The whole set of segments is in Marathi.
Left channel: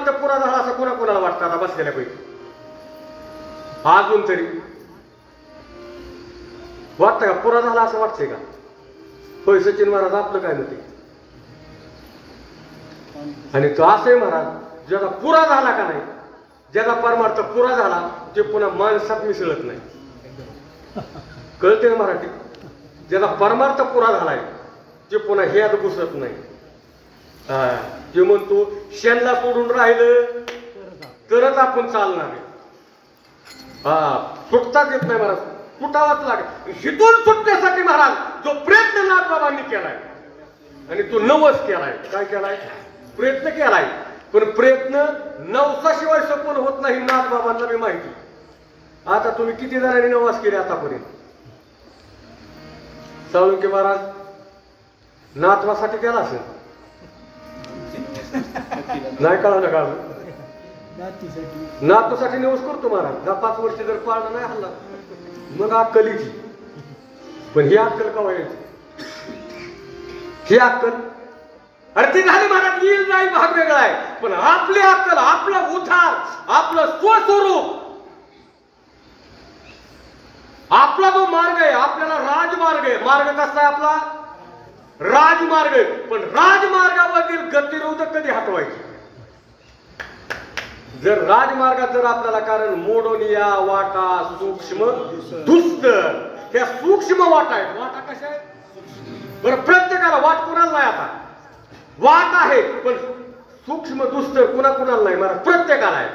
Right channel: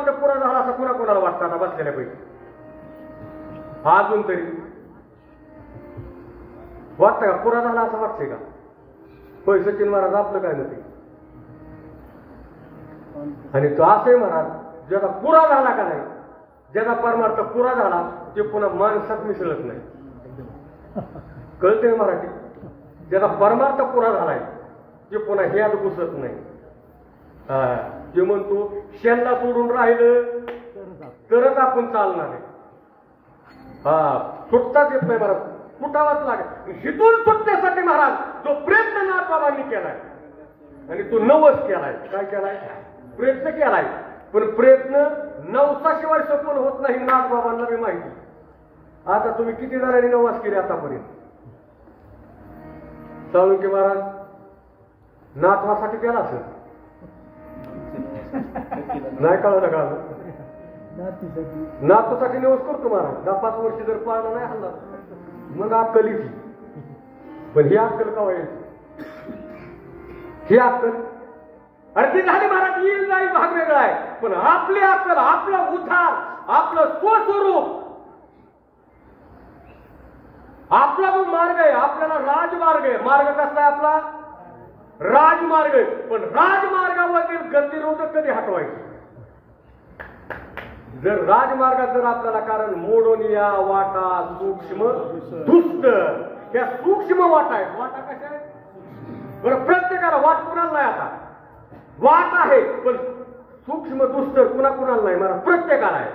परमार्थ पुरा झाला असं कोणाला वाटतं आता बसलेल्यापैकी? अजून तरी वाटतं का पुरा झाला असं वाटतंय का? होय सचिन महाराज आपलं काय म्हणते? आणि तो असंही महाराज ज्याचा पुरा झाला का नाही, ज्याचा परमार्थ पुरा झाला ते पुन्हा माणसात मिसळत नाही. कळते ना मराठी? ज्याचा परमार्थ पुरा झालाय ते पुन्हा ह्यात घुसत नाही. जे म्हणतो शेणला सोडून राहिलं तरच आपण चालणार आहे. सुटताच येत नाही महाराज, सुटावाच लागेल. हिथून सुटण्यासाठी महाराज जो प्रयत्न नाथबाबांनी केलाय आणि तो नवस केलाय. काय केलाय? प्रयत्न केलाय. पण प्रयत्न नवसाशिवाय सफल होत नाही, नाथबाबांना बी माहिती. आता तुम्ही किती जणांनी नवस केले आतापर्यंत? साळुंके महाराज नातवासाठी केला असेल, नाही कळलं का? नातूसाठी नवस करतो महाराज. 10-5 वर्ष जर पाळणं नाही हल्ला मग अक्कलीची. पण ही अक्कल कवा यायची? ही अक्कल अरे ती झाली महाराज, येईल नाही भाग वेगळा आहे. पण आपली अक्कल, आपला उद्धार, आपलं स्वस्वरूप, आपला जो मार्ग आहे, आपल्याला राजमार्ग आहे. मार्ग कसा आहे आपला? राजमार्ग. पण राजमार्गावरील गतिरोधक कधी हटवायचे? जर राजमार्गात जर आपल्याला कारण मोडोनिया वाटा सूक्ष्म दुस्त, त्या सूक्ष्म वाटा आहेत. वाटा कशा आहेत? बरं प्रत्येकाला वाट कुणाला नाही. आता वाट आहे पण सूक्ष्म दुस्त कुणाला नाही महाराज? प्रत्येकाला आहे.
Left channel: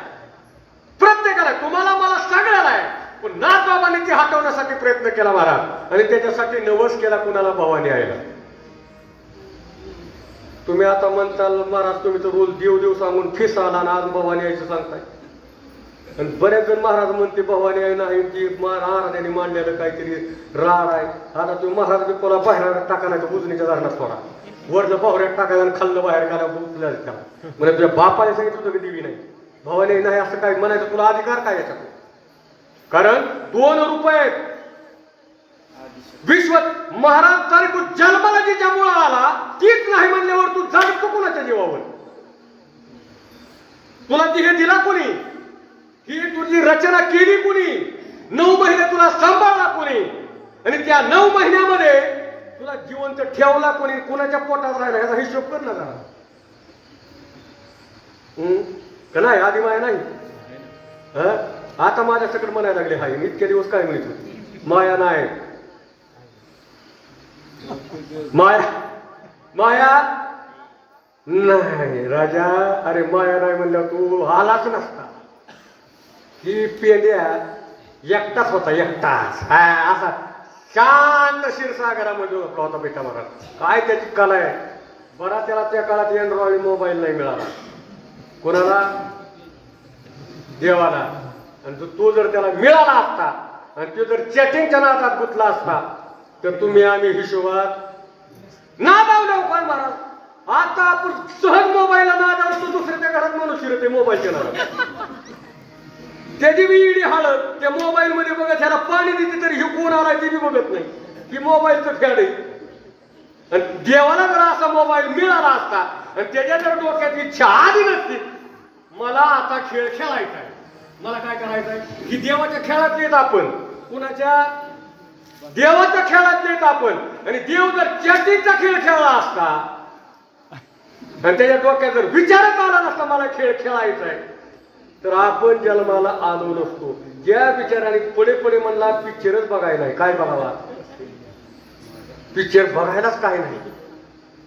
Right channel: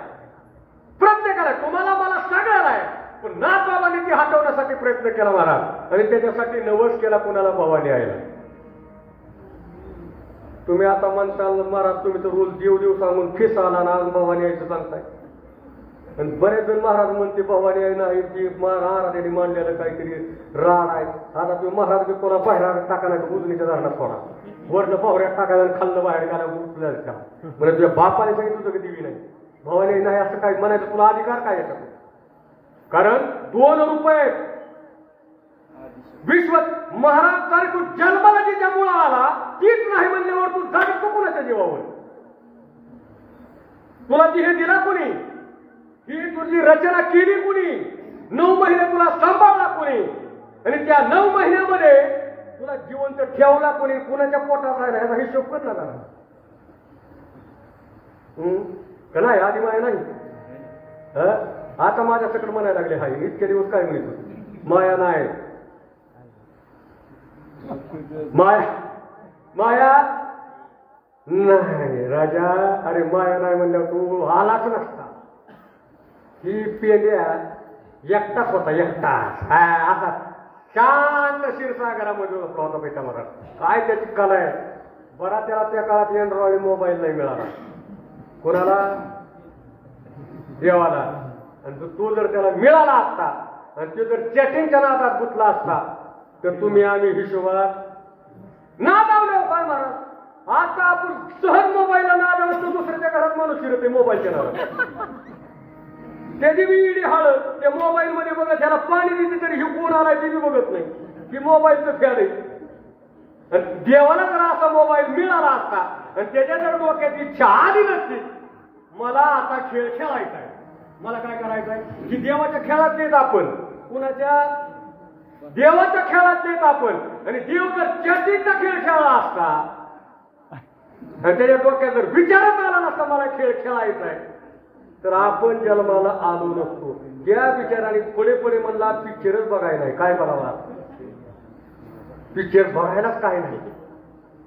प्रत्येकाला, तुम्हाला मला सगळ्याला आहे. पण नाथबाबांनी ती हटवण्यासाठी प्रयत्न केला महाराज, आणि त्याच्यासाठी नवस केला कुणाला? भवानी आईला. तुम्ही आता म्हणताल महाराज तुम्ही तर रोज देव सांगून फिस आला ना, आज भवानी आईचं सांगताय. आणि बरेच जण महाराज म्हणते भवानी आई नाही, ती महाराजांनी मांडलेलं काहीतरी राड आहे. आता तुम्ही महाराज तुला बाहेर टाकायला उजनीच्या दारात सोडा, वरनं पावऱ्यात टाकायला आणि खाल्लं बाहेर काढा उचल्या त्याला. म्हणजे तुझ्या बापाने सांगितलं होतं की देवी नाही, भवानी नाही असं काय म्हणायचं? तुला अधिकार काय याच्यात? कारण 2 रुपये विश्व महाराज तरी तू जन्माला जिच्या मुळा आला तीच नाही म्हणल्यावर तू जगतो कुणाच्या जीवावर? तुला ती हे दिला कोणी? ही तुझी रचना केली कोणी? 9 महिने तुला सांभाळला कोणी? आणि त्या 9 महिन्यामध्ये तुला जिवंत ठेवला कोणी? कुणाच्या पोटात राहिला याचा हिशोब कर ना जरा. नाही आधी माया नाही. आता माझ्या सकट म्हणायला लागले हाय. इतके दिवस काय म्हणतो माया नाही, माया माया नाही राजा. अरे माया नाही म्हणल्यावर तू आलाच नसता. ही पेंड्या एकटाच होता, एकटाच. असा शांत क्षीरसागरामध्ये होता बेटा. बरा काय त्याची कला आहे बरा. त्याला त्या काळात अँड्रॉइड मोबाईल नाही मिळाला कोणाला? देवाला. आणि तो जर त्याला मिळाला असता आणि तो जर चॅटिंगच्या नादात गुंतला असता तर तुम्ही आम्ही हिशोबात नादावल्यावर काय महाराज? आता आपण सहज मोबाईलला नादावलं तो दुसऱ्याच्या घरात म्हणून शिरते मोबाईलच्या नादात. त्याची बी इडी हालत त्या मोबाईल मध्ये बघत, त्याला पाणी देते तरी हे कोण आलाय ते बी बघत नाही. की मोबाईलचं फॅड आहे. आणि देवाला जर असा मोबाईल मिळाला असता आणि त्याच्या जर डोक्यात इच्छा आली नसती मला आता खेळ खेळायचा आहे, मला काय करायचं आहे की देवाच्या खेळात येत आपण, कुणाच्या? देवाच्या खेळात येत आपण. आणि देव जर चॅटिंगचा खेळ खेळला असता आणि त्याच्या डोक्यात जर विचारच आला नसता मला खेळ खेळायचा आहे तर आपण जन्माला आलो नसतो. ज्या विचाराने पुढे म्हणला पिक्चरच बघायला आहे. काय बघावा? पिक्चर बघायलाच काय नाही.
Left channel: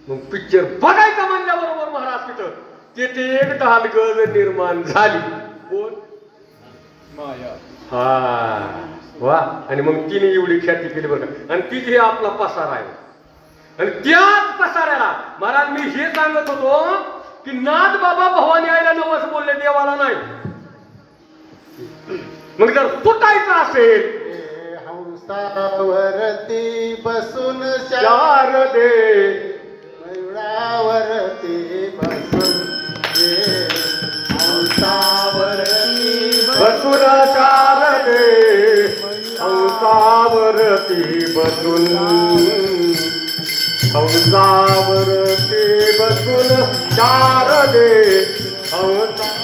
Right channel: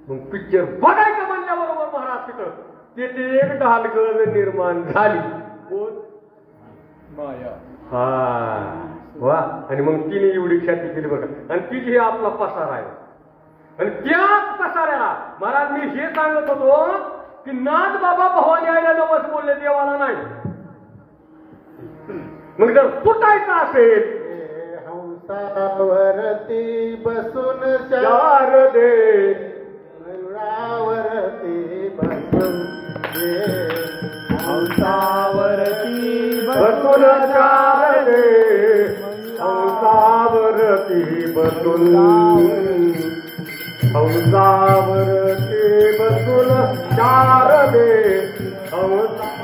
मग पिक्चर बघायचं म्हणल्याबरोबर महाराज तिथं तेथे एक ढालगड निर्माण झाली. कोण? माया. वा. आणि मग तिने एवढी ख्याती केली बघा. आणि तिथे आपला पसारा आहे. आणि त्याच पसाऱ्याला महाराज मी हे सांगत होतो की नाथबाबा भवानी आईला नवस बोलले, देवाला नाही. मग जर तुटायचं असेल हंसावरती बसून शारदे, मयुरावरती बसून हंसावरती बसून शारदे, हंसावरती बसून, हंसावरती बसून शारदे, हंसा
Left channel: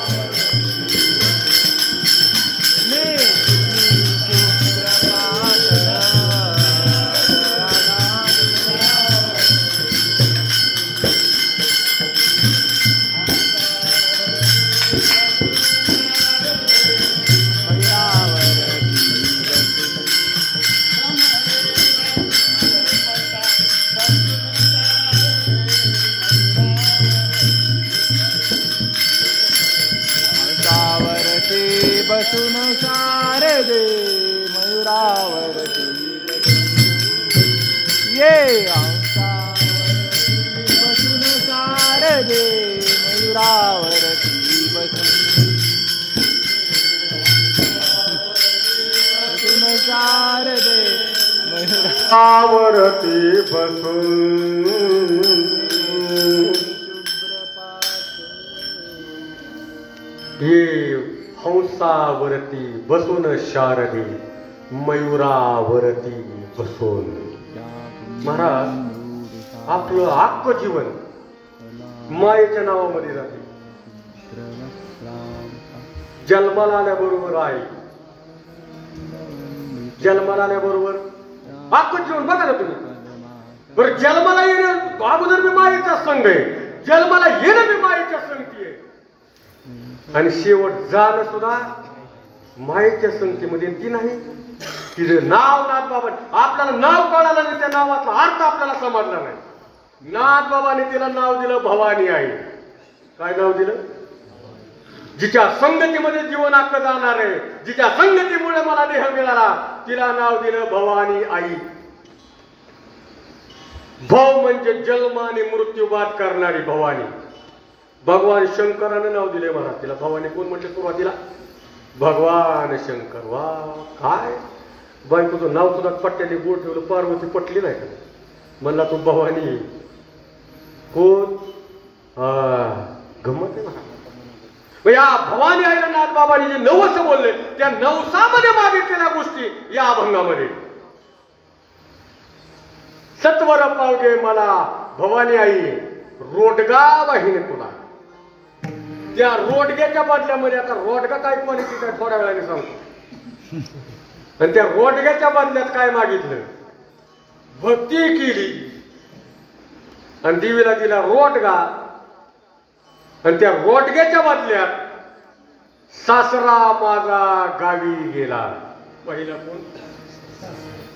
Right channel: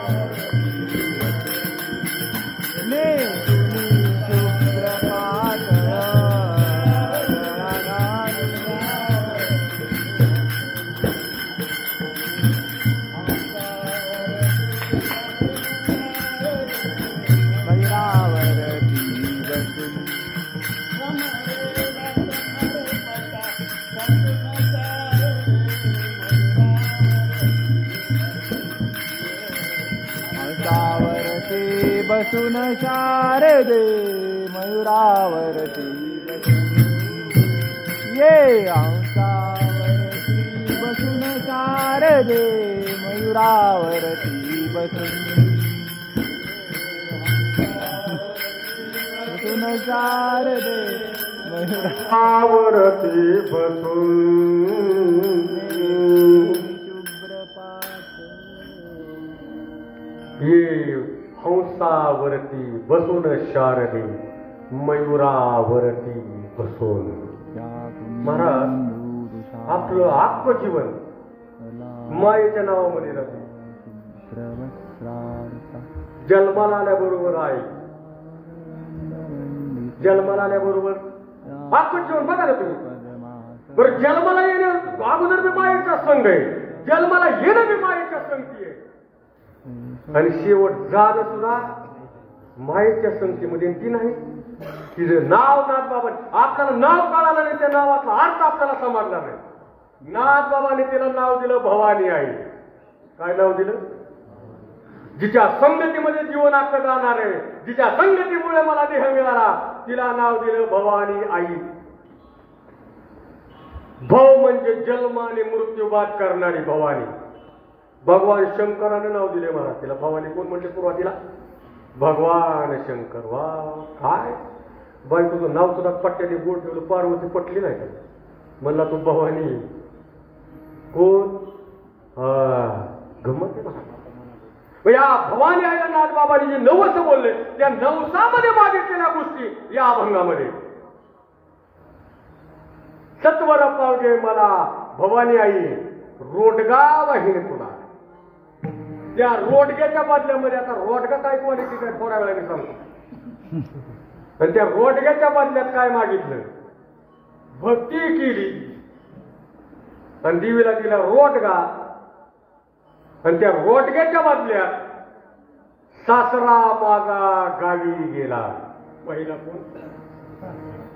बसून शारदे मयुरावरती ये हंसावरती बसून शारदे मयुरावरती बसून शारदे मयुरावरती बसून हे हंसावरती बसून शारदे मयुरावरती बसून. महाराज आपलं अख्खं जीवन मायेच्या नावामध्ये जाते. जन्माला आल्याबरोबर आहे, जन्माला आल्याबरोबर अख्खं जीवन बघा ना तुम्ही. बरं जन्माला येणं अगोदर मी मायेचा संघ आहे, जन्माला येणं मी मायेच्या संगती आहे, आणि शेवट जाणं सुद्धा मायेच्या संगतीमध्ये. ती नाही तिचं नाव नाथबाबा. आपल्याला नाव कळालं नाही, त्या नावाचा अर्थ आपल्याला समजला नाही. नाथबाबाने तिला नाव दिलं भवानी आई. काय नाव दिलं? जिच्या संगतीमध्ये जीवन अख्खं जाणार आहे, जिच्या संगतीमुळे मला देह मिळाला, तिला नाव दिलं भवानी आई. भव म्हणजे जन्म आणि मृत्यू बाद करणारी भवानी. भगवान शंकराने नाव दिले मला तिला भवानी. कोण म्हणते सुरुवातीला? भगवान शंकर. वा काय बायकोचं नाव सुद्धा पट्ट्याने गोड ठेवलं. पार्वती पटली नाही का? म्हणला तू भवानी. कोण? गमत आहे ना. या भवानी आईला नाथबाबांनी जे नवस बोलले, त्या नवसामध्ये मागितलेल्या गोष्टी या अभंगामध्ये. सत्वर पावगे मला भवानी आई, रोडगा वाहिनी तुला. त्या रोडग्याच्या बदल्यामध्ये, आता रोडगा काय क्वालिटी काय थोड्या वेळाने सांगतो. आणि त्या रोडग्याच्या बदल्यात काय मागितलं? भक्ती केली आणि देवीला दिला रोडगा. आणि त्या रोडग्याच्या बदल्यात सासरा माझा गावी गेला. पहिला कोण?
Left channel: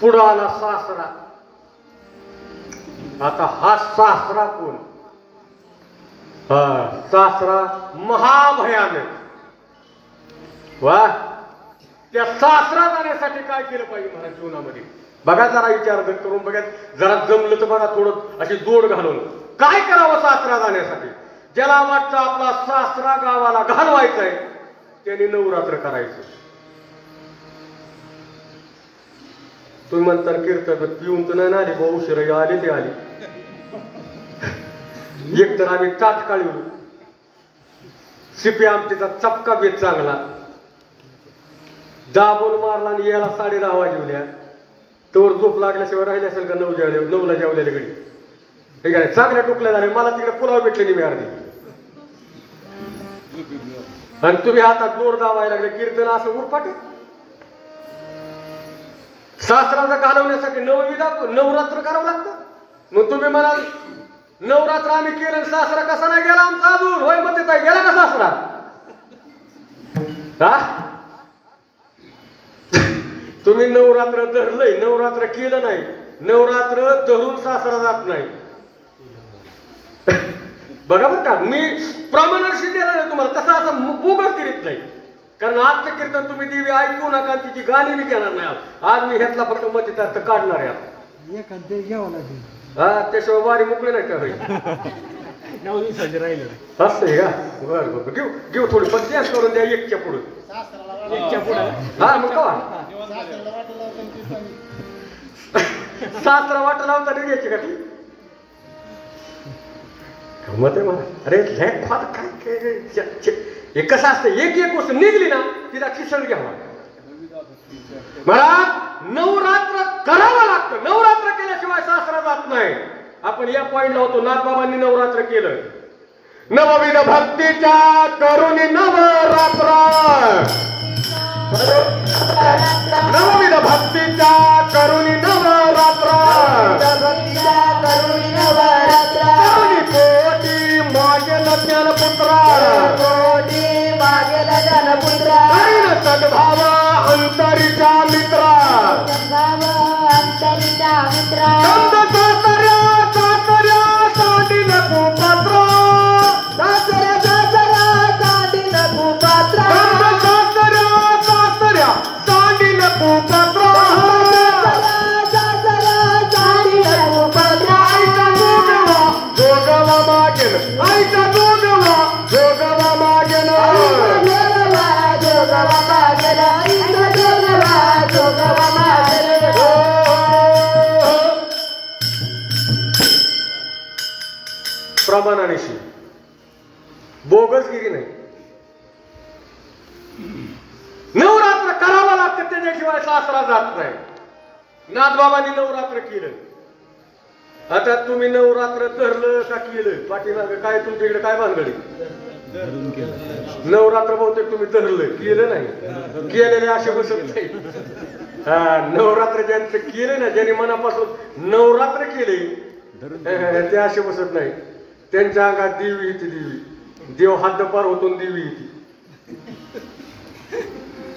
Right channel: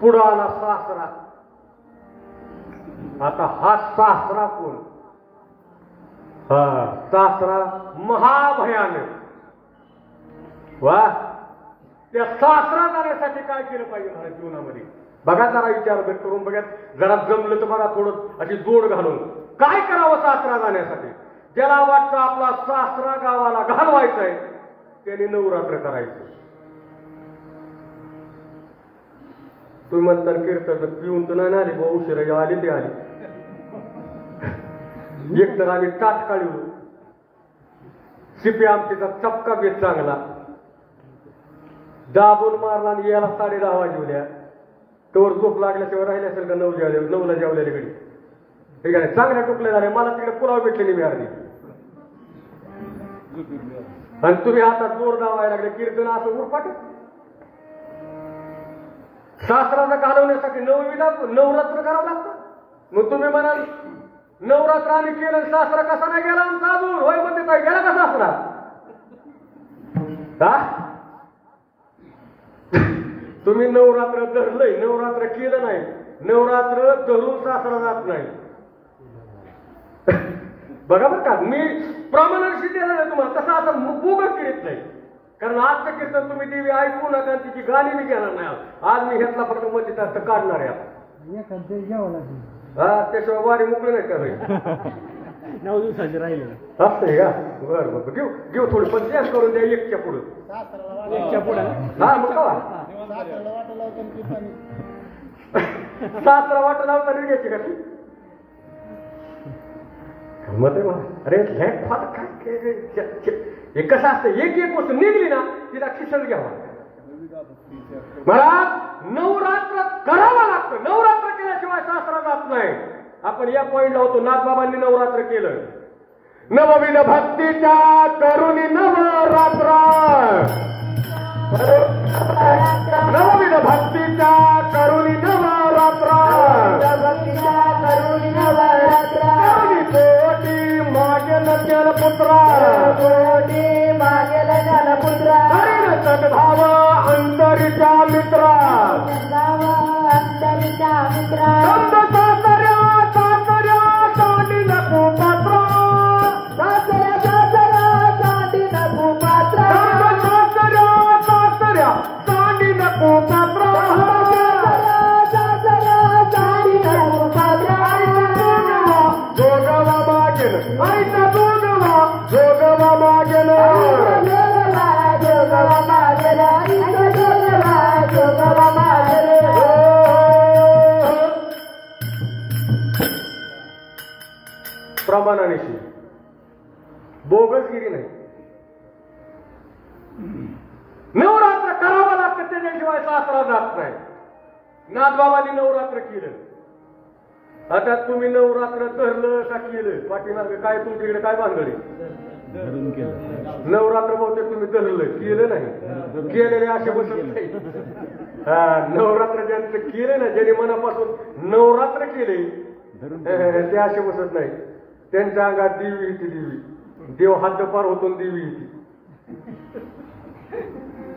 पुढं आला सासरा. आता हा सासरा कोण? हा सासरा महाभयानक. वा त्या सासरा जाण्यासाठी काय केलं पाहिजे मला जीवनामध्ये? बघा जरा विचार करून बघा. जरा जमलं तर बघा थोडं अशी जोड घालून काय करावं सासरा जाण्यासाठी. ज्याला वाटतं आपला सासरा गावाला घालवायचा आहे त्याने नवरात्र करायचं. तुम्ही म्हणता कीर्तन पिऊन तर नाही आली, उशिरा आली ते आली. एक तर आम्ही तात्काळ येऊ शिपी आमटीचा चपका बेत चांगला दाबून मारला आणि याला 10:30 वाजवल्या. तोवर झोप लागल्याशिवाय राहिले असेल का? 9ला जेवलेल्या घडी ठीक आहे. चांगल्या टोकल्या झाल्या. मला तिकडे पुरावा भेटलेली मी अर्धी. आणि तुम्ही हातात जोर दावायला लागले. कीर्तन असं उरपाटे. सासराला घालवण्यासाठी नवरात्र करावं लागतं. मग तुम्ही म्हणाल नवरात्र आम्ही केलं, सासरा कसा नाही गेला आमचा अजून? होय म्हणते ताई, गेला का सासरा? तुम्ही नवरात्र धरलंय, नवरात्र केलं नाही. नवरात्र धरून सासरा जात नाही. बरोबर का? मी प्रमाणाशी देणार नाही तुम्हाला, तसं असं बोगस करीत नाही. कारण आजचं कीर्तन तुम्ही देवी ऐकू नका, तिची गाणी मी घेणार नाही. आज मी ह्यातला प्रथम म्हणजे काढणार आहे. हा त्याशिवाय बारी मोकळे नाही का भाई? असं आहे का? बरं बरं घेऊ घेऊ थोडी पण तेच करून द्या एकच्या पुढे. हा मग का सासरा वाटा लावता घ्यायची का ती? मत आहे मला. अरे काय कसं असतं, एक गोष्ट निघली ना तिला खिसळ घ्यावा. मला नवरात्र करावं लागतं. नवरात्र केल्याशिवाय सासरा जात नाही. आपण या पॉइंटला होतो. नाथबाबांनी नवरात्र केलं. नवविध भक्तीच्या करुणी नवरात्र, नवविध भक्तीच्या करुणी नवरात्र, करुणी कोटी मागेल ज्ञानपुत्रा, हरिण सद्भाव अंतरीच्या मित्रा, दिल्याशिवाय सासरा जात नाही. नाथबाबांनी नवरात्र केलं. आता तुम्ही नवरात्र धरलं का केलं? पाठीमागे काय तुमच्याकडे काय भानगडी? नवरात्र बहुतेक तुम्ही धरलं, केलं नाही. केलेले असे बसत नाही. हा, नवरात्र ज्यांचं केलं ना, ज्यांनी मनापासून नवरात्र केले ते असे बसत नाही. त्यांच्या अंगात देवी येते. देवी देव हद्दपार होतो, देवी येते.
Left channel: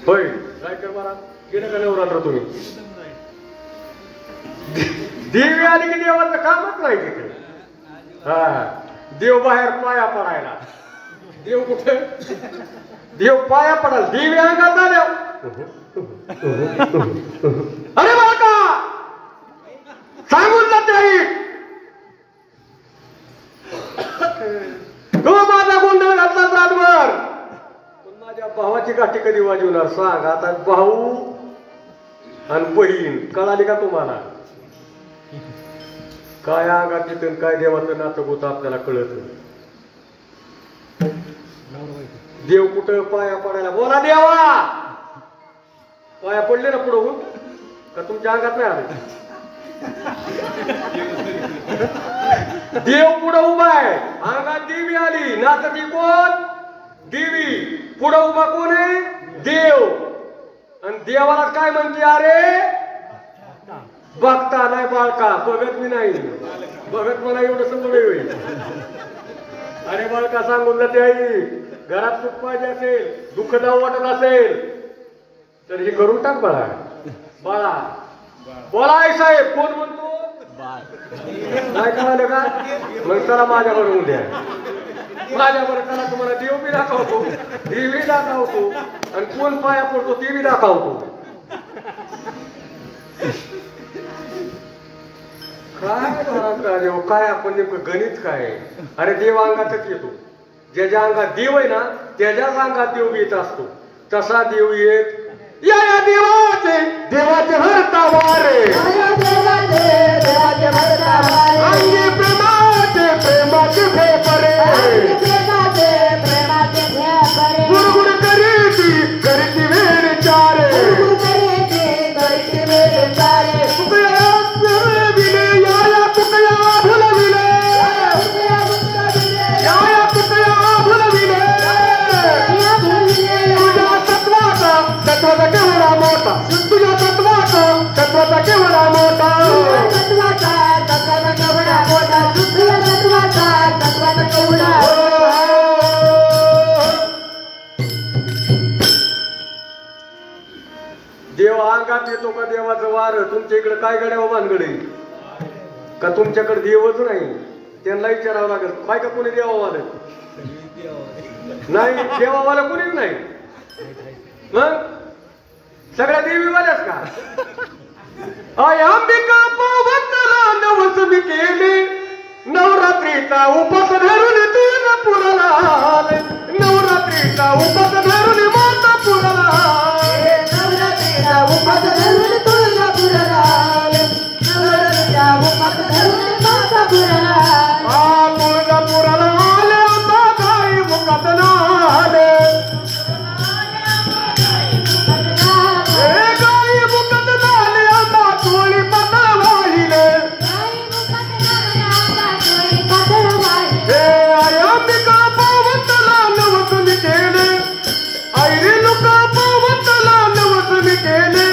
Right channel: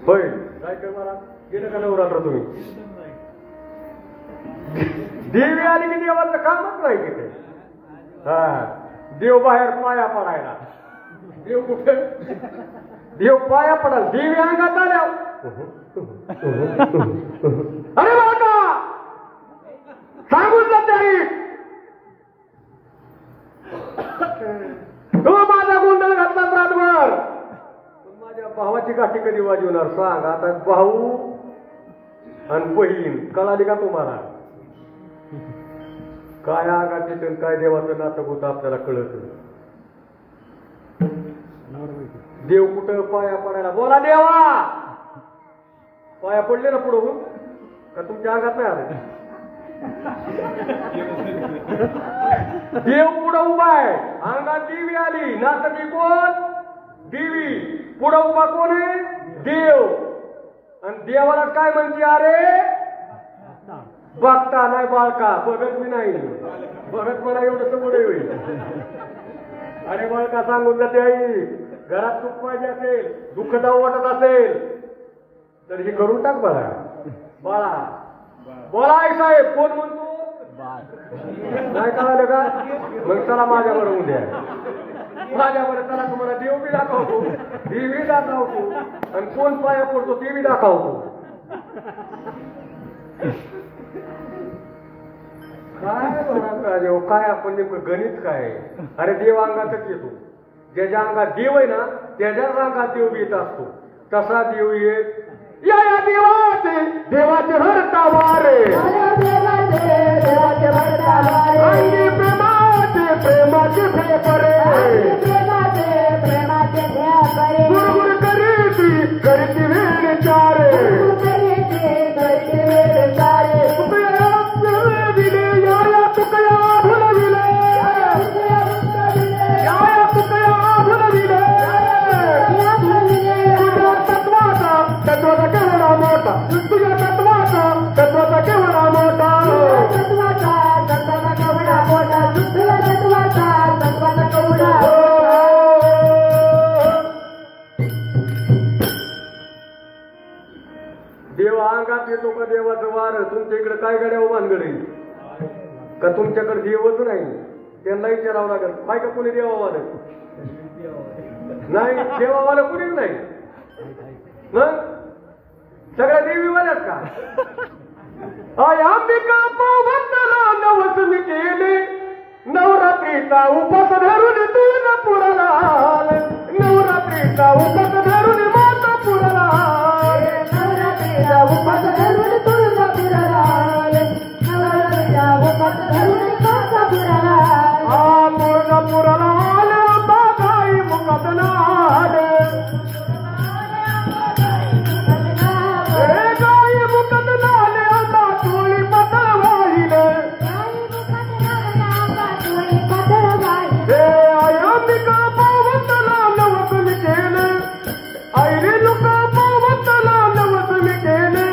होय काय कर मला केलं का नवरात्र तुम्ही? देवी आली की देवाचं कामच नाही तिथे. हा, देव बाहेर पाया पडायला. देव कुठे? देव पाया पडाल. देवी अंगात आल्या. अरे बाबा सांगून जाते आई, तो माझा गोंधळ घातला रातभर. पण माझ्या भावाची गाठी कधी वाजवणार सांग? आता भाऊ आणि बहीण कळाली का तुम्हाला? काय अंगात येतं काय देवाचं नातं होतं आपल्याला कळत. देव कुठं पाया पडायला? बोला देवा. पाया पडले ना पुढे होऊन का तुमच्या अंगात नाही आले? देव पुढे उभा आहे, अंगात देवी आली. नाचती कोण? देवी. पुढे उभा कोण आहे? देव. आणि देवाला काय म्हणते? अरे बघता नाही बाळका. बघत मी नाही. बघत मला एवढं समोर होईल. अरे बाळका सांगून जाते आई, घरात सुख पाहिजे असेल, दुःखदाव वाटत असेल तर हे करून टाक बाळा. बाळा बोला आई साहेब. कोण म्हणतो? काय कळालं का? मग चला माझ्या बरोबर उद्या. माझ्या बरोबर चला, तुम्हाला देव बी दाखवतो, देवी दाखवतो, आणि कोण पाया पडतो ते बी दाखवतो. काय देव काय? आपण नेमकं गणित काय? अरे देव अंगातच येतो. ज्याच्या अंगात देव आहे ना त्याच्याच अंगात देव येत असतो. तसा देव येत. या देवाचे देवाचे हरता वारे, अंगी प्रेमाचे प्रेमाचे फेफरे, गुडगुड करीती करीती वेळ चारे, येतो का देवाचं वार? तुमच्या इकडे काय गड्या भानगड आहे का? तुमच्याकडे देवच नाही. त्यांना विचारावं लागेल. काय का कोणी देवावाला नाही? देवावाला कोणी नाही. मग सगळ्या देवीवाल्याच का? अंबिका पावतला नवस मी केले, नवरात्रीचा उपास धरून तुळजापुराला आले, नवरात्रीचा उपास धरून मातापुराला आले, नवरात्रीचा उपास धरून तुळजापुराला आले, नवरात्रीचा उपास धरून मातापुराला आले, तुळजापुराला आले आंबा गाई मुखात नाले, गाई मुखात नाले आंबा चोळी पातळ वाहिले, अंबिका पावतला नवस मी केले, ऐरे लोका पावतला नवस मी केले,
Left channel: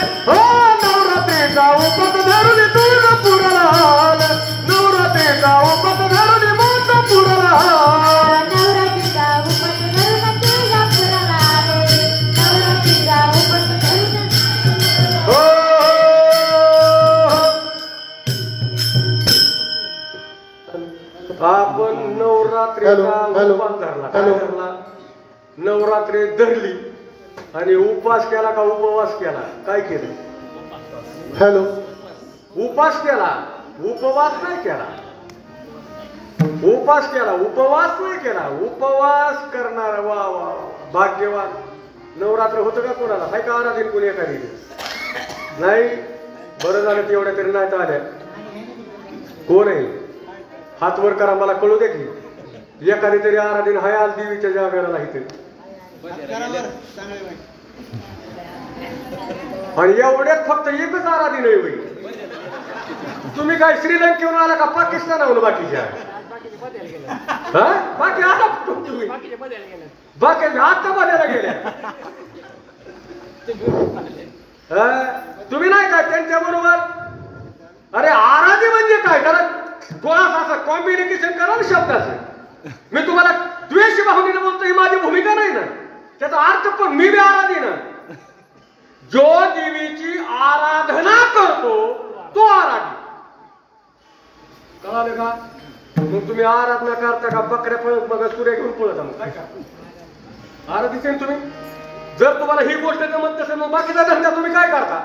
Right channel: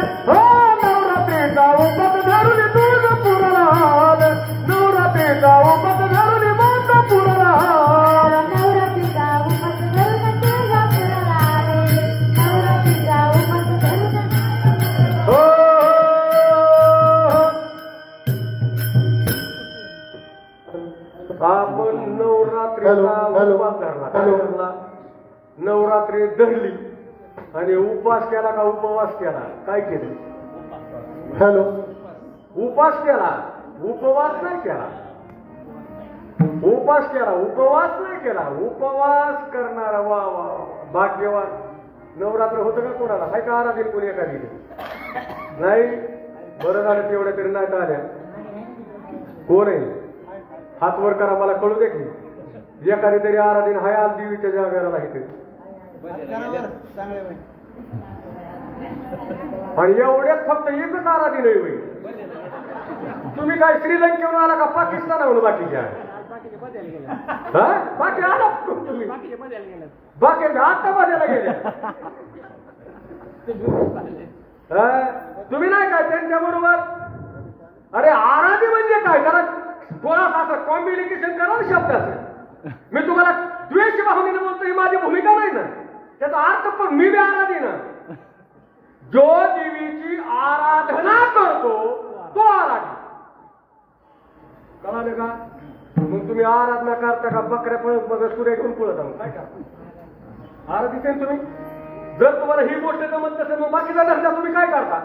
नवरात्रीचा उपास धरून तुळजापुराला आले, नवरात्रीचा उपास धरून मातापुराला आले, नवरात्रीचा उपास धरून तुळजापुराला आले, नवरात्रीचा उपास धरून आपण नवरात्रीचा उपास धरला. काय धरला? नवरात्री धरली आणि उपवास केला का उपवास केला? काय केलं? हॅलो, उपास केला, उपवास नाही केला. उपास केला, उपवास नाही केला. उपवास करणारा वा वा भाग्यवान. नवरात्र होतं का कोणाला? काय का आराधीन कोणी एखादी? नाही. बरं झालं तेवढ्या तरी नाही आल्या. कोण आहे? हात वर करा, मला कळू दे की एखादी तरी आराधीन हाय आज देवीच्या जागेला नाही. आणि एवढ्यात फक्त एकच आराधी नाही होईल. तुम्ही काय श्रीलंकेहून आला का पाकिस्तानाहून बाकीच्या? बाकी आला तुम्ही बाकी आता बघायला गेले. तुम्ही नाही काय त्यांच्या बरोबर? अरे आराधी म्हणजे काय? जरा थोडासा कॉम्बिनेशन करा ना शब्दाचं. मी तुम्हाला द्वेष भावनेने बोलतो ही माझी भूमिका नाही ना. त्याचा अर्थ पण मी बी आराधी ना. जो देवीची आराधना करतो तो आराधी. कळालं का? मग तुम्ही आराधना करता का बकऱ्या पळत बघा सूर्य घेऊन पळत मग काय का आराधीचे तुम्ही? जर तुम्हाला ही गोष्ट जमत नसेल मग बाकीचा धंदा तुम्ही काय करता?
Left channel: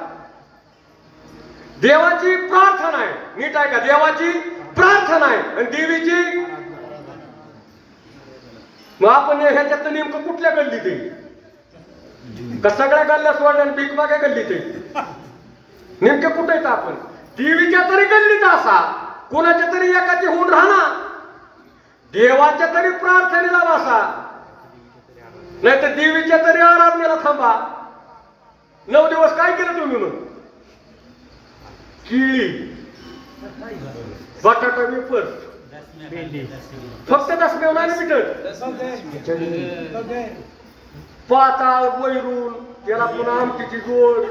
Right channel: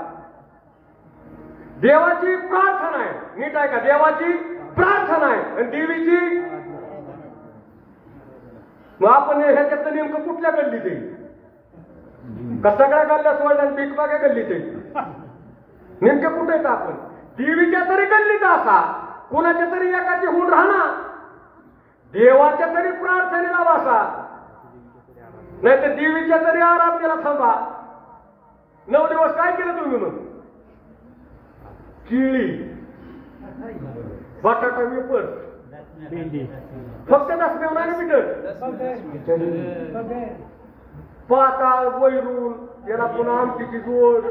देवाची प्रार्थना आहे. नीट आहे का? देवाची प्रार्थना आहे आणि देवीची. मग आपण ह्याच्यात नेमकं कुठल्या गल्लीत येईल? का सगळ्या गल्ल्या सोडल्या भीक मागे गल्लीत येईल? नेमके कुठे येत आपण? देवीच्या तरी गल्लीत असा, कुणाच्या तरी एकाची होऊन राहणार, देवाच्या तरी प्रार्थनेला बसा, नाही तर देवीच्या तरी आराधनेला थांबा. 9 दिवस काय केलं तुम्ही? मग केळी, बटाटा, वेफर, फक्त दसम्या नाही ना पिठत. पाताळ वैरून त्याला पुन्हा आमटीची जोड,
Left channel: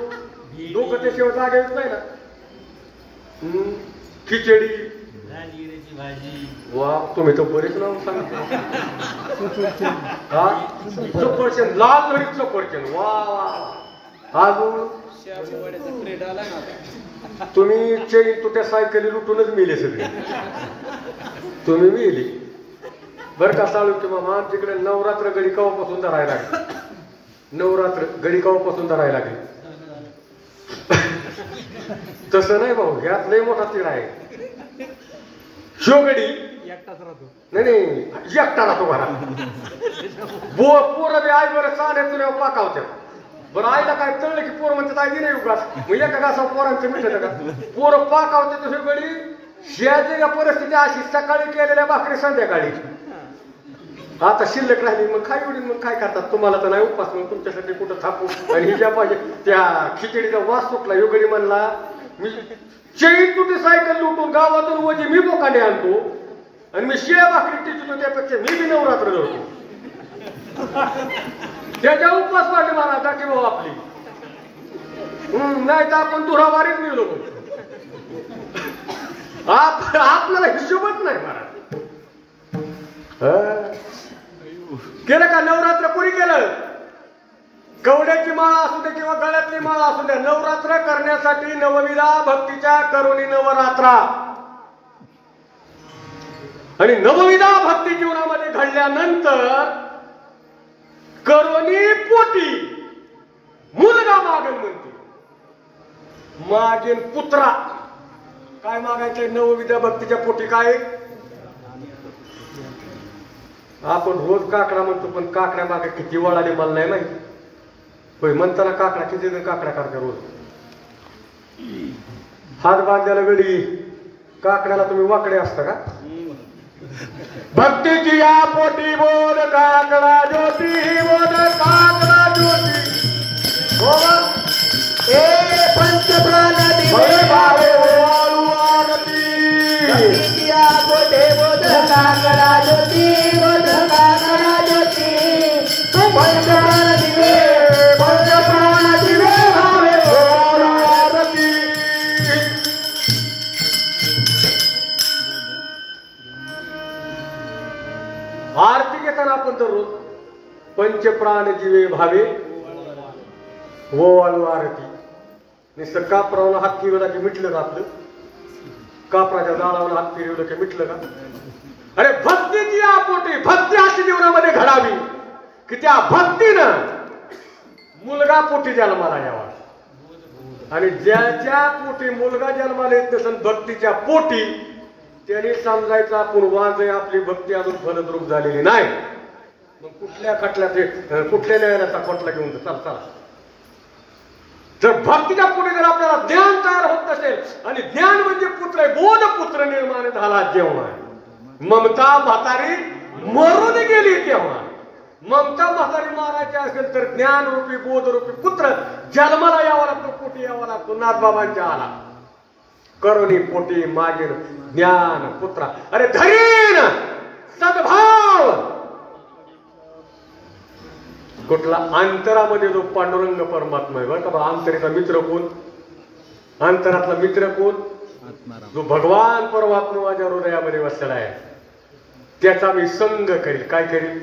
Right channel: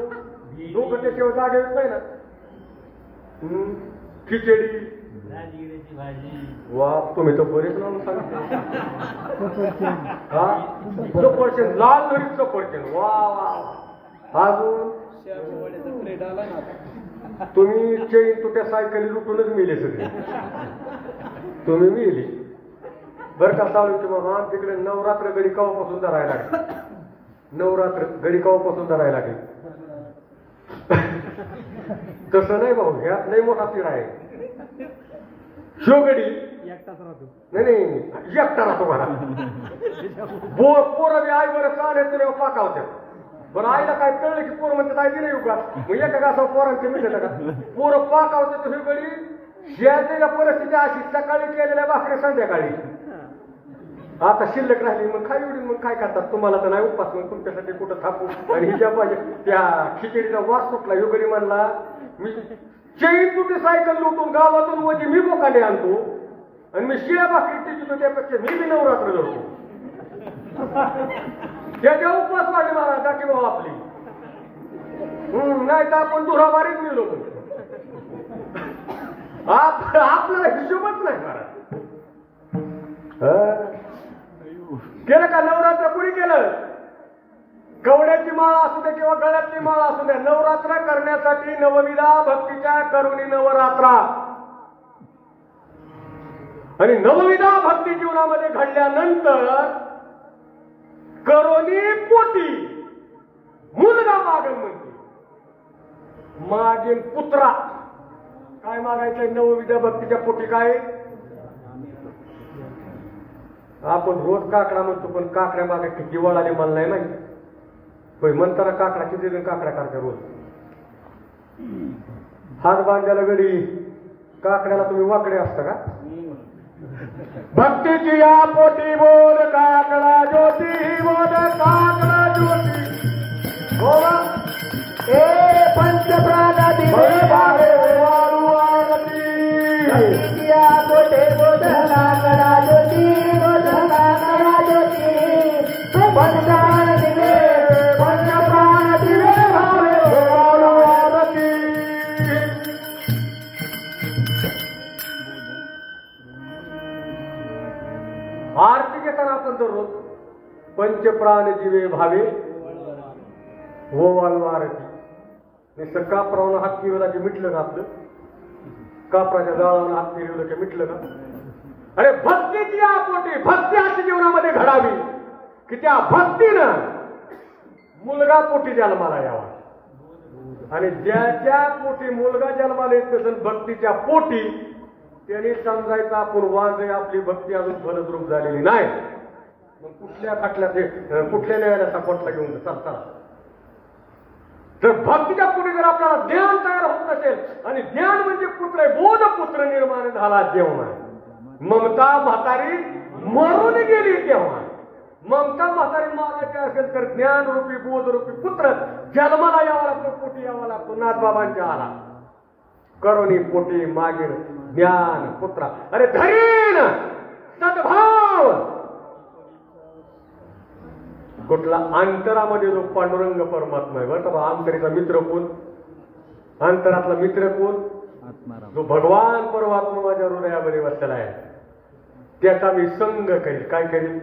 डोकं त्याशिवाय जागा येत नाही ना. खिचडी, वा तुम्ही तर बरेच नाव सांगितले. हा सफरचंद, लाल भरीत सफरचंद, वा वा. अजून तुम्ही चैन तुट्या सायकली लुटूनच मिले सगळे. तुम्ही मिली बरं का? चालू की मग आमच्याकडे नवरात्र गडी कवापासून धरायला लागली. नवरात्र गडी कवापासून धरायला लागली. तसं नाही भाऊ, ह्यात लय मोठा तिढा आहे. शिवगडी नाही नाही एकटा राहतो मला. पोरं बी आई बरं चालेल तुला पाकावत्या. बरं आईला काय कळलं की पोर म्हणतात आई दिले उगास मग एका गासा पोरांचं मिळतं का? पोरं पाकावते तर शिवगडी. शेजारी परिस्थिती अशी, सकाळी केलेल्या भाकरी संध्याकाळी आता शिल्लक राहिली मग काय एवढी. मग काय करतात? तुम्हाला तर नाही उपास, मग तुमच्यासाठी कुठं थापू. आणि हिच्या पाहिजे त्या खिचडीचा वास सुटला. योगडी म्हणला मी चैन तुटे सायकल लुटून गावातून वजी मी बोकाने आणतो आणि मी शिळ्या भाकरी टिचतो, त्यापेक्षा मी बी नवरात्र धरतो. त्याच्या उपवास वाटले मला टाकी भाऊ आपली. नाही तर आपण दुरावारीच मिळलो. आपल्याला हिशोबच नाही महाराज. केलं का नवरात्र? कोणी केलं? कवड्याची माळ असू दे किंवा गळ्यातली माळ असू द्या, नवरात्र करण्यासाठी नवविधा भक्तीच्या करुणी नवरात्रा. आणि नवविधा भक्ती जीवनामध्ये घडल्यानंतर करुणी पोटी मुलगा मागेल म्हणते. मागेल पुत्रा. काय मागायचंय नवविधा भक्तीच्या पोटी? काय आपण रोज काकडा म्हणतो, पण काकड्या मागे किती वळाले मला नाही माहिती. होय म्हणताना काकडा किती जण काकड्या काढता रोज. हात बांधल्याला गडी काकड्याला तुम्ही वाकडे असता का? भक्तीची या पोटी बोल काकडा ज्योती, बोल काकडा ज्योती, बोल ए पंचप्राण दिवे भावे भगवती. भक्तीची या पोटी बोल काकडा ज्योती, बोल काकडा ज्योती, पंचप्राण दिवे, पंचप्राण दिवे भावे भगवती. आरती घेताना आपण दररोज पंचप्राण जीवे भावे हो आरती. नुसतं कापरावला हात फिरवला की मिटलं का आपलं? कापराच्या जाळावर हात फिरवलं की मिटलं का? अरे भक्तीची या पोटी भक्ती अशी जीवनामध्ये घडावी की त्या भक्तीनं मुलगा पोटी जन्माला यावा. आणि ज्याच्या पोटी मुलगा जन्माला येत नसेल भक्तीच्या पोटी, त्याने समजायचं आपण वांज आपली भक्ती अजून फलद्रूप झालेली नाही. मग कुठल्या खटल्याचे कुठल्या न्यायालयाचा कोटला घेऊन चल चला. जर भक्तीच्या पोटी जर आपल्याला ज्ञान तयार होत नसेल, आणि ज्ञान म्हणजे पुत्र, बोध पुत्र निर्माण झाला जेव्हा, ममता म्हातारी मरून गेली तेव्हा. ममता म्हातारी मारायची असेल तर ज्ञानरूपी बोधरूपी पुत्र जन्माला यावा लागतो, पोटी यावा लागतो. नाथबाबांच्या आला करुणी पोटी मागील ज्ञान पुत्रा. अरे धरीन सद्भाव कुठला अंतरामध्ये जो पांडुरंग परमात्मा आहे बरं का. अंतरीचा मित्र कोण, अंतरातला मित्र कोण, जो भगवान परमात्मा माझ्या हृदयामध्ये बसलेला आहे. त्याचा मी संग करील. काय करील?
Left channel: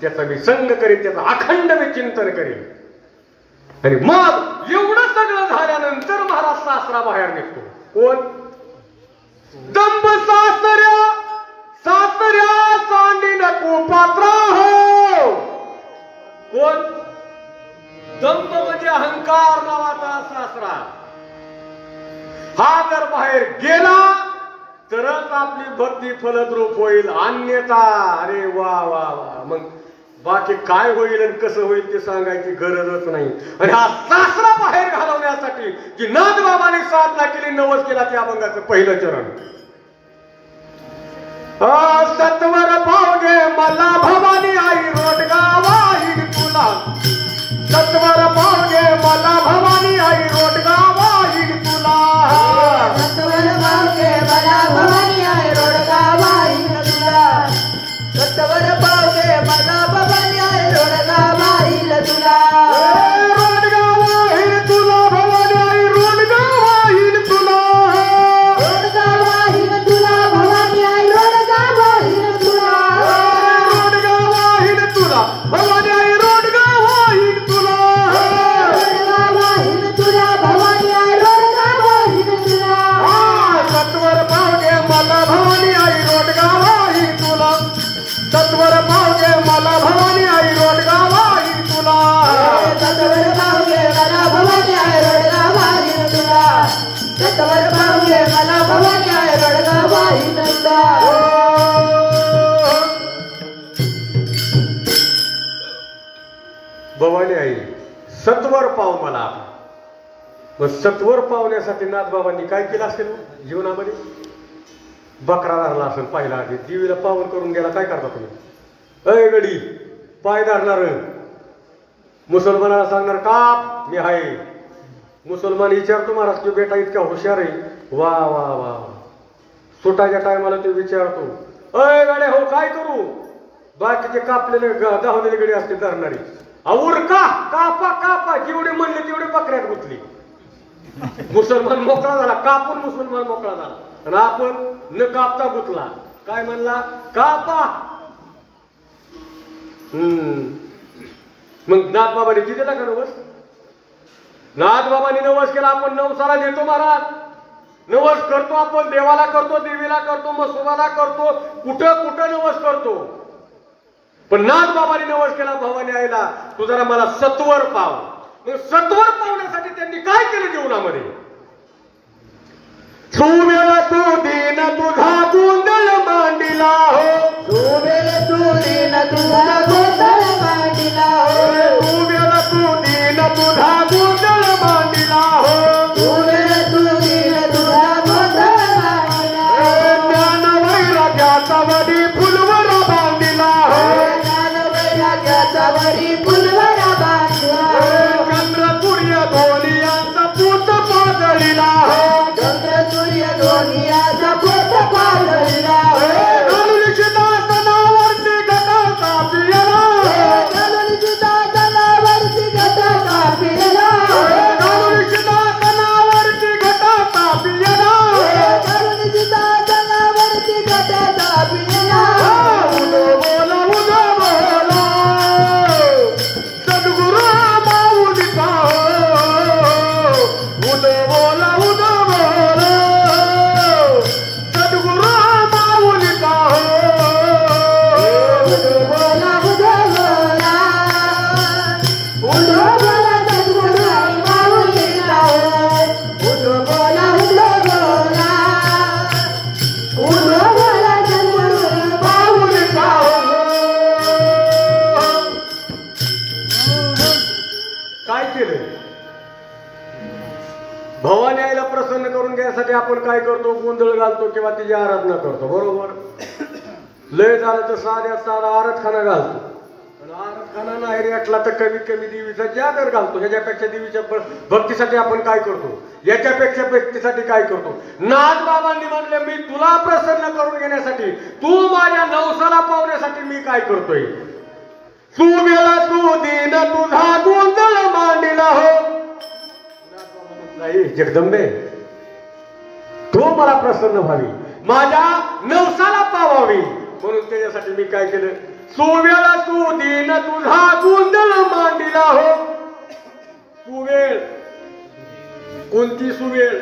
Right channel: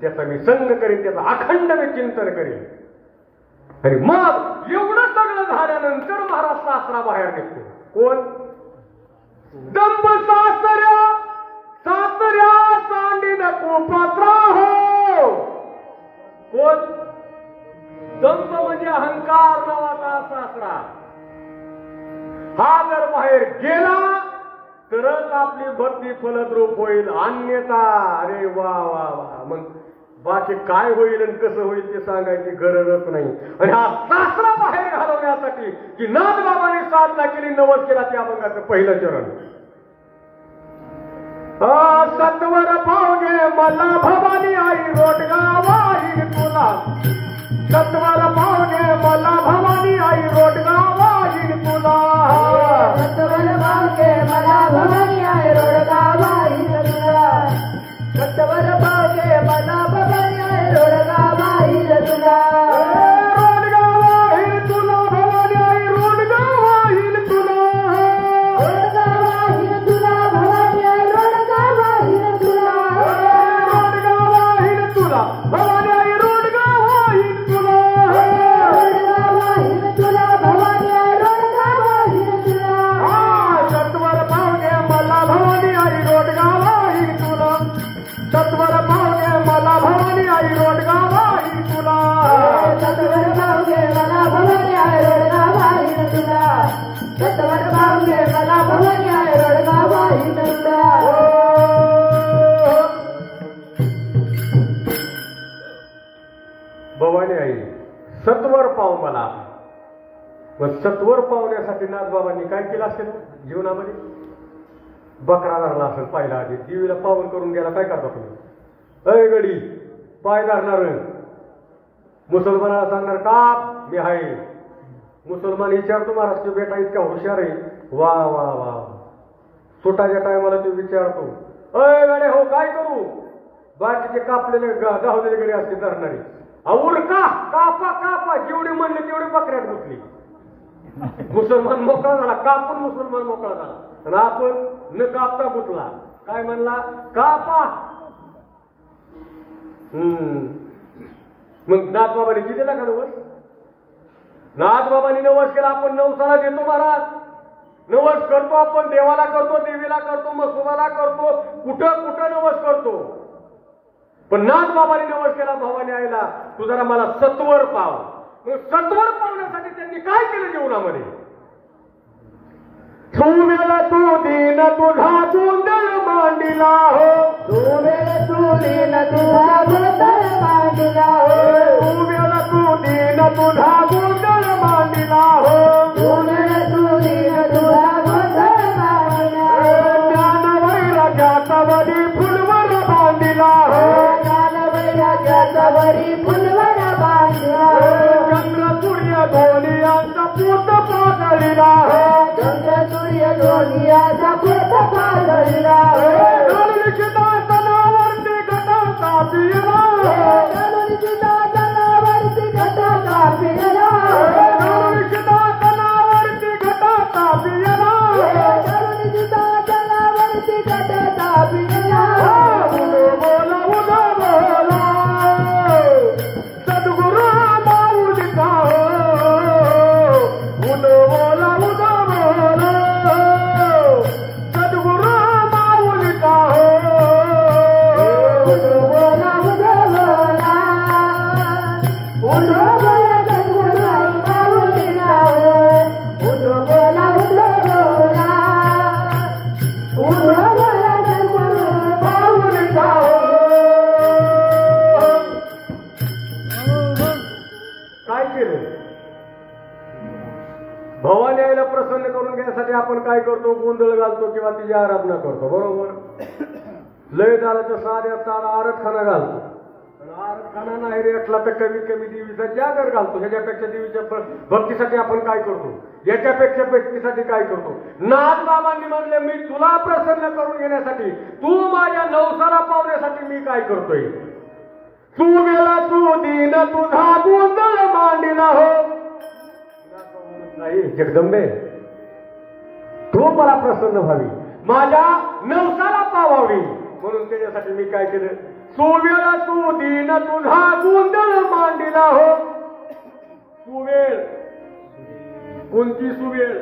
त्याचा मी संग करील, त्याचा अखंड मी चिंतन करील. आणि मग एवढं सगळं झाल्यानंतर महाराज सासरा बाहेर निघतो. कोण? दंब सासऱ्या सासऱ्या सांडी नको पात्र हो. कोण? दंब म्हणजे अहंकार नावाचा सासरा. हा जर बाहेर गेला तरच आपली भक्ती फलद्रूप होईल, अन्यथा अरे वा वा वा. मग बाकी काय होईल आणि कसं होईल ते सांगायची गरजच नाही. आणि हा सासरा बाहेर घालवण्यासाठी की नाथबाबांनी साधना केली, नवस केला, त्या अभंगाचं पहिलं चरण. सत्वर पावगे मला भवानी आई रोटगा वाहीन तुला. सत्वर पावगे मला भवानी आई रोटगा वाहीन तुला. सत्वर पावगे मला भवानी आई रोटगा वाहीन तुला. सत्वर पावगे मला भवानी आई रोटगा वाहीन तुला. रोटगा वाहीन तुला भवानी आई रोटगा वाहीन तुला. रोटगा वाहीन तुला भवानी आई रोटगा वाहीन तुला. रोटगा वाहीन तुला भवानी आई रोटगा वाहीन तुला. रोटगा वाहीन तुला भवानी आई रोटगा वाहीन तुला. सत्वर पावगे मला भवानी आई रोटगा वाहीन तुला. सत्वर पावगे मला भवानी आई रोटगा वाहीन तुला. सत्वर पावगे मला भवानी आई रोटगा वाहीन तुला. सत्वर पावगे मला भवानी आई रोटगा वाहीन तुला. भवानी आई सत्वर पाव मला. मग सत्वर पावण्यासाठी नाथबाबांनी काय केलं असेल जीवनामध्ये? बकरा धरला असेल पाहिला आधी. देवीला पावन करून गेला. काय करता तुम्ही? अय गडी पाय धरणार, मुसलमानाला सांगणार काप मी आहे. मुसलमान विचारतो महाराज तो बेटा इतका हुशार आहे. वा वा वा. सुटाच्या टायमाला तो विचारतो अय गडे हो काय करू? बाकीचे कापलेले गावलेले गडी असते धरणारे. और का कापा कापा. जेवढी म्हणली तेवढी बकऱ्यात गुतली. मुसलमान मोकळा झाला. कापून मुसलमान मोकळा झाला. आणि आपण न कापता गुतला. काय म्हणला? कापा. मग नाथबाबांनी किती दिला का नवस? नाथबाबांनी नवस केला. आपण नवसाला देतो महाराज. नवस करतो आपण, देवाला करतो, देवीला करतो, मसोबाला करतो, कुठं कुठं नवस करतो. पण नाथबाबांनी नवस केला भवानी आईला तू जरा मला सत्वर पाव. मग सत्वर पावण्यासाठी त्यांनी काय केलं जीवनामध्ये? सुमेळ तू दीन तुझा गोंधळ मांडिला हो. सुमेळ तू दीन तुझा गोंधळ मांडिला हो. सुमेळ तू दीन तुझा गोंधळ मांडिला हो. सुमेळ तू दीन तुझा गोंधळ मांडिला हो. ज्ञान वैराग्याचा वरी फुलवर बांधिला हो. ज्ञान वैराग्याचा वरी फुलवर बांधिला हो. चंद्र सूर्य दोन्हीचा पूत पाजळिला हो. चंद्र सूर्य दोन्हीचा पोत पाजळिला हो. धनुष्यदासनावरती घटाचा पियला. धनुष्यदासनावरती घटाचा पियला. धनुष्यदासनावरती घटाचा पियला. धनुष्यदासनावरती घटाचा पियला. बोला उदा बोला सद्गुरु माऊलीचा हो. उद बोला उदा बोला सद्गुरु माऊलीचा हो. उद बोला उद बोला. उद बोला सद्गुरु माऊलीचा हो. उद बोला उद बोला. उद बोला सद्गुरु माऊलीचा हो. काय केलं? भवानी आईला प्रसन्न करून घ्यायसाठी आपण काय करतो? गोंधळ घालतो किंवा तिची आराधना करतो. बरोबर. लय झालं तर साध्या साधा आरतखाना घालतो. आणि कारखाना नाही रेटला तर कमी कमी देवीचा जागर घालतो. ह्याच्यापेक्षा देवीच्या भक्तीसाठी आपण काय करतो? याच्यापेक्षा भक्तीसाठी काय करतो? नाथबाबांनी म्हणले मी तुला प्रसन्न करून घेण्यासाठी, तू माझ्या नवसाला पावण्यासाठी मी काय करतोय? सुवेळा तू दिन तुझा गोंधळ मांडिला हो. नाही जगदंबे, तू मला प्रसन्न व्हावी, माझ्या नवसाला पावावी, म्हणून त्याच्यासाठी मी काय केलं? सुवेळा तू दिन तुझा गोंधळ मांडिला हो. सुवेळ, कोणती सुवेळ?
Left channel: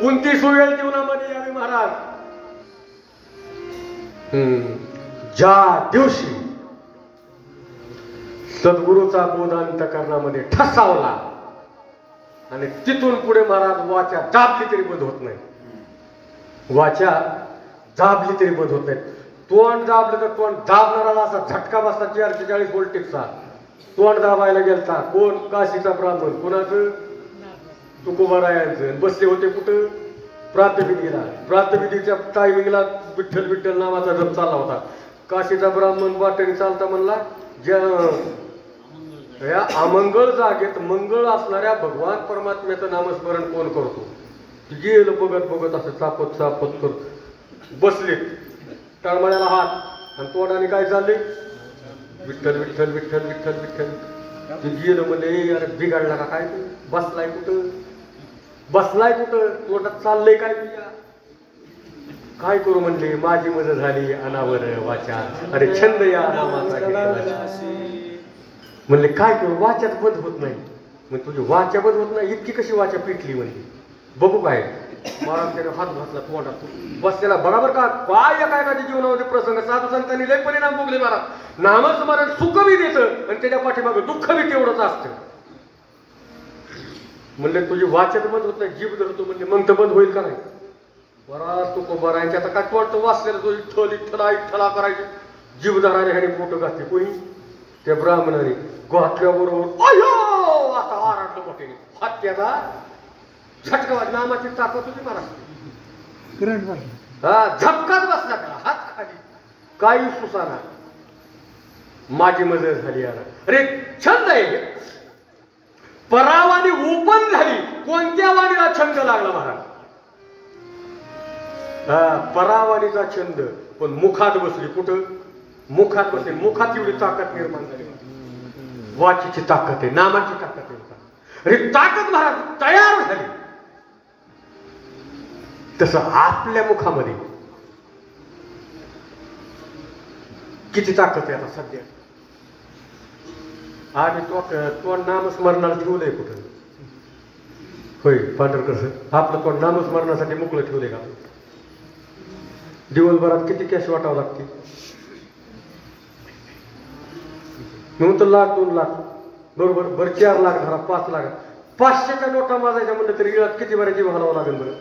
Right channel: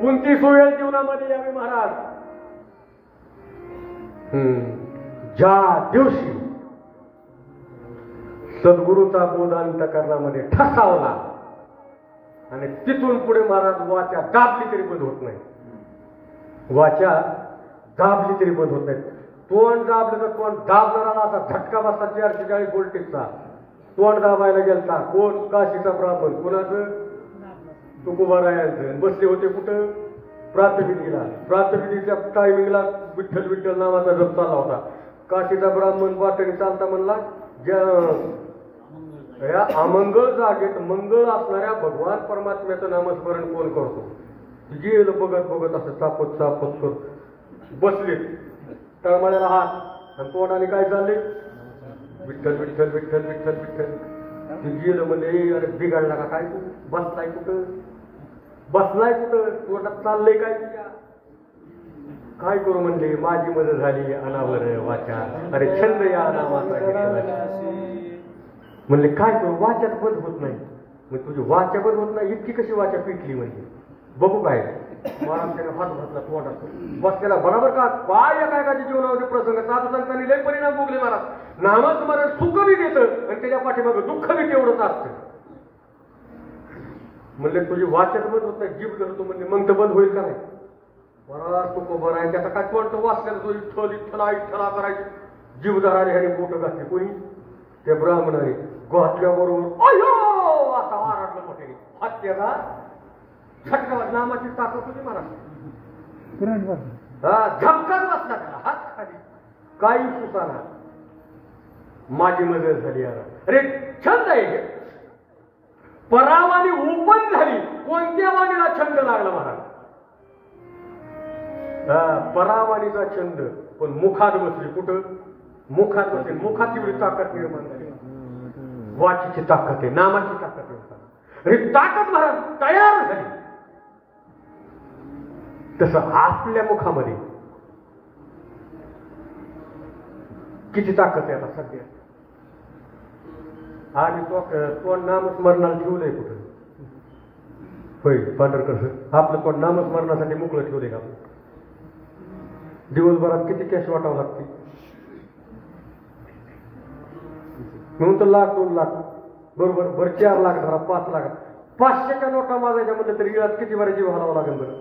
कोणती सुवेळ जीवनामध्ये यावी महाराज? ज्या दिवशी सद्गुरूचा बोध अंतःकरणामध्ये ठसावला आणि तिथून पुढे महाराज वाचा दाबली तरी बंद होत नाही. वाचा दाबली तरी बंद होत नाही. तोंड दाबलं तर तोंड दाबणारा असा झटका बसला 440 व्होल्टेजचा. तोंड दाबायला गेलता कोण? काशीचा ब्राह्मण. कोणाचं? तुकोबारायांचं. बसले होते कुठं? प्रातविधीला. प्रातविधीच्या टायमिंगला विठ्ठल विठ्ठल नावाचा जप चालला होता. काशीचा ब्राह्मण वाटेने चालता म्हणला, या अमंगळ जागेत मंगळ असणाऱ्या भगवान परमात्म्याचं नामस्मरण कोण करतो? गेलं बघत बघत असं चापत चापत करतो. बसले तळमळ्याला हात आणि तोंडाने काय चालले? विठ्ठल विठ्ठल विठ्ठल विठ्ठल विठ्ठल. गेलं म्हणजे अरे बिघडला का काय? बसलाय कुठं? बसलाय कुठं? तोंडात चाललंय काय तुझ्या? काय करू म्हणले? माझी मदत झाली अनावर वाचा. अरे छंद या नामाचा म्हणले काय करू? वाचाच बंद होत नाही. मग तुझी वाचा बंद होत नाही, इतकी कशी वाचा पिटली म्हणली? बघू काय? महाराज त्याने हात घातला तोंडात. बसलेला बरोबर का? काय एकाएकाच्या जीवनामध्ये प्रसंग साधू संतांनी लय परिणाम भोगले महाराज. नामस्मरण सुख बी देतं आणि त्याच्या पाठीमागे दुःख बी तेवढंच असतं. म्हणले तुझी वाचत बंद होत नाही, जीभ धरतो म्हणले, मग तर बंद होईल का नाही? बराच तू उभा राहायचे. आता काय वाटतं? वाचलेला तो इठ्ठल इठ्ठला इठ्ठला करायचे. जीभ धरायला ह्याने मोठं घातले. कोणी? त्या ब्राह्मणाने घातल्याबरोबर अयो असा आरडलं मोठ्याने. हात त्याला झटका. नामाची ताकद होती महाराज. हा झपकाच बसला का हात खाली. काही सुसाना. माझी मदत झाली याला. अरे छंद आहे. परावानी ओपन झाली. कोणत्या वाणीला छंद लागला महाराज? परावानीचा छंद. पण मुखात बसली. कुठं? मुखात बसली. मुखात एवढी ताकद निर्माण झाली. वाचीची ताकद आहे, नामाची ताकद आहे. अरे ताकद महाराज तयार झाली. तसं आपल्या मुखामध्ये किती ताकद आहे आता सध्या? आणि तो नामस्मरणाला ठेवलंय कुठं? होय पांढरकर सर, आपलं तो नामस्मरणासाठी मोकळं ठेवलंय का? दिवसभरात किती कॅश वाटावं लागते? म्हणून तर लाख 2 लाख बरोबर. बरं 4 लाख धरा, 5 लाख. 500च्या नोटा माजायच्या म्हणलं तरी इळात किती बऱ्या जीव घालावं लागेल बरं?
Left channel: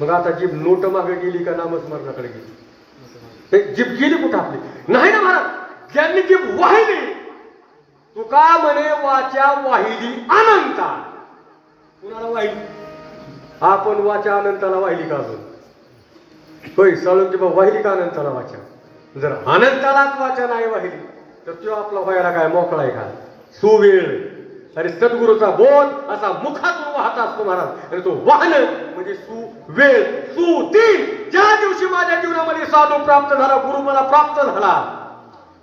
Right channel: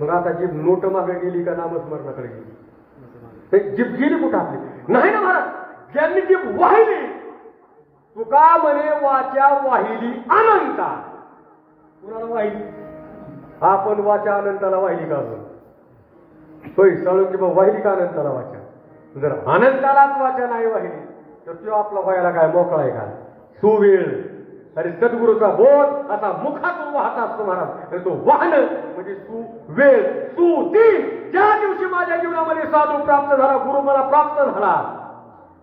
मग आता जीभ नोट मागे गेली का नामस्मरणाकडे गेली? जीभ गेली कुठं आपली? नाही ना महाराज. ज्यांनी जीभ वाहिली, तुका म्हणे वाचा वाहिली अनंता. कुणाला वाहिली? आपण वाचा अनंताला वाहिली का अजून? होय साळुंकी बाबा वाहिली का अनंताला वाचा? जर अनंतालाच वाचा नाही वाहिली तर तो आपला व्हायला काय मोकळा आहे का? सुवेळ. अरे सद्गुरूचा बोध असा मुखातून वाहत असतो महाराज. अरे तो वाहन म्हणजे सुवेळ सुदीन. ज्या दिवशी माझ्या जीवनामध्ये साधू प्राप्त झाला, गुरु मला प्राप्त झाला,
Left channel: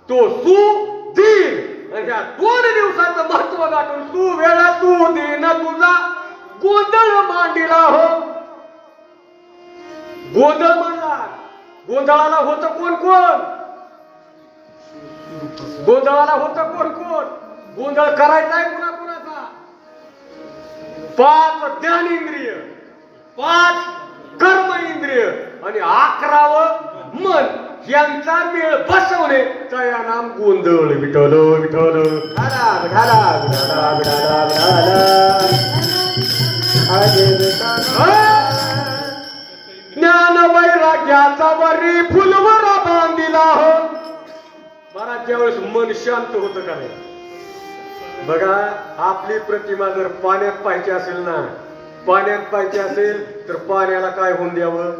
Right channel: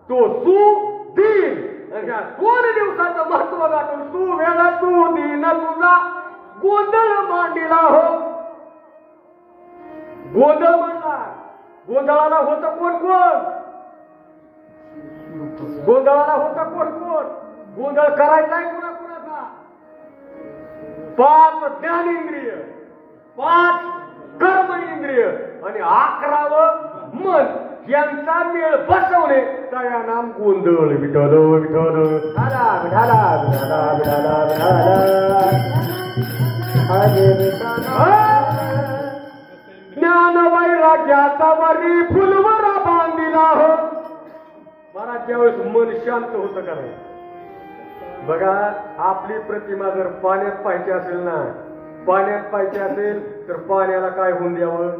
तो सुदीन. या 2 दिवसाचं महत्व गाठून सुवेळ सुदीन तुझा गोंधळ मांडिला हो. गोंधळ म्हणला. गोंधळाला होतं कोण कोण? गोंधळाला होतं कोण कोण? गोंधळ करायचा आहे कुणा कुणाचा? 5 ज्ञानेंद्रिय, 5 कर्म इंद्रिय आणि 11वं मन यांचा मेळ बसवणे त्या नाम गोंधळ. विठ्ठल विठ्ठल ढाला ढाला ढाला ढाला ढाला ज्ञान वैराग्याचा वरी फुलवरा बांधिला हो. महाराज ज्यावेळेस मन शांत होतं का नाही? बघा आपली प्रतिमा जर पाण्यात पाहिजे असेल ना, पाण्यात पाहिजे असेल तर पाण्याला काय होऊन द्यावं?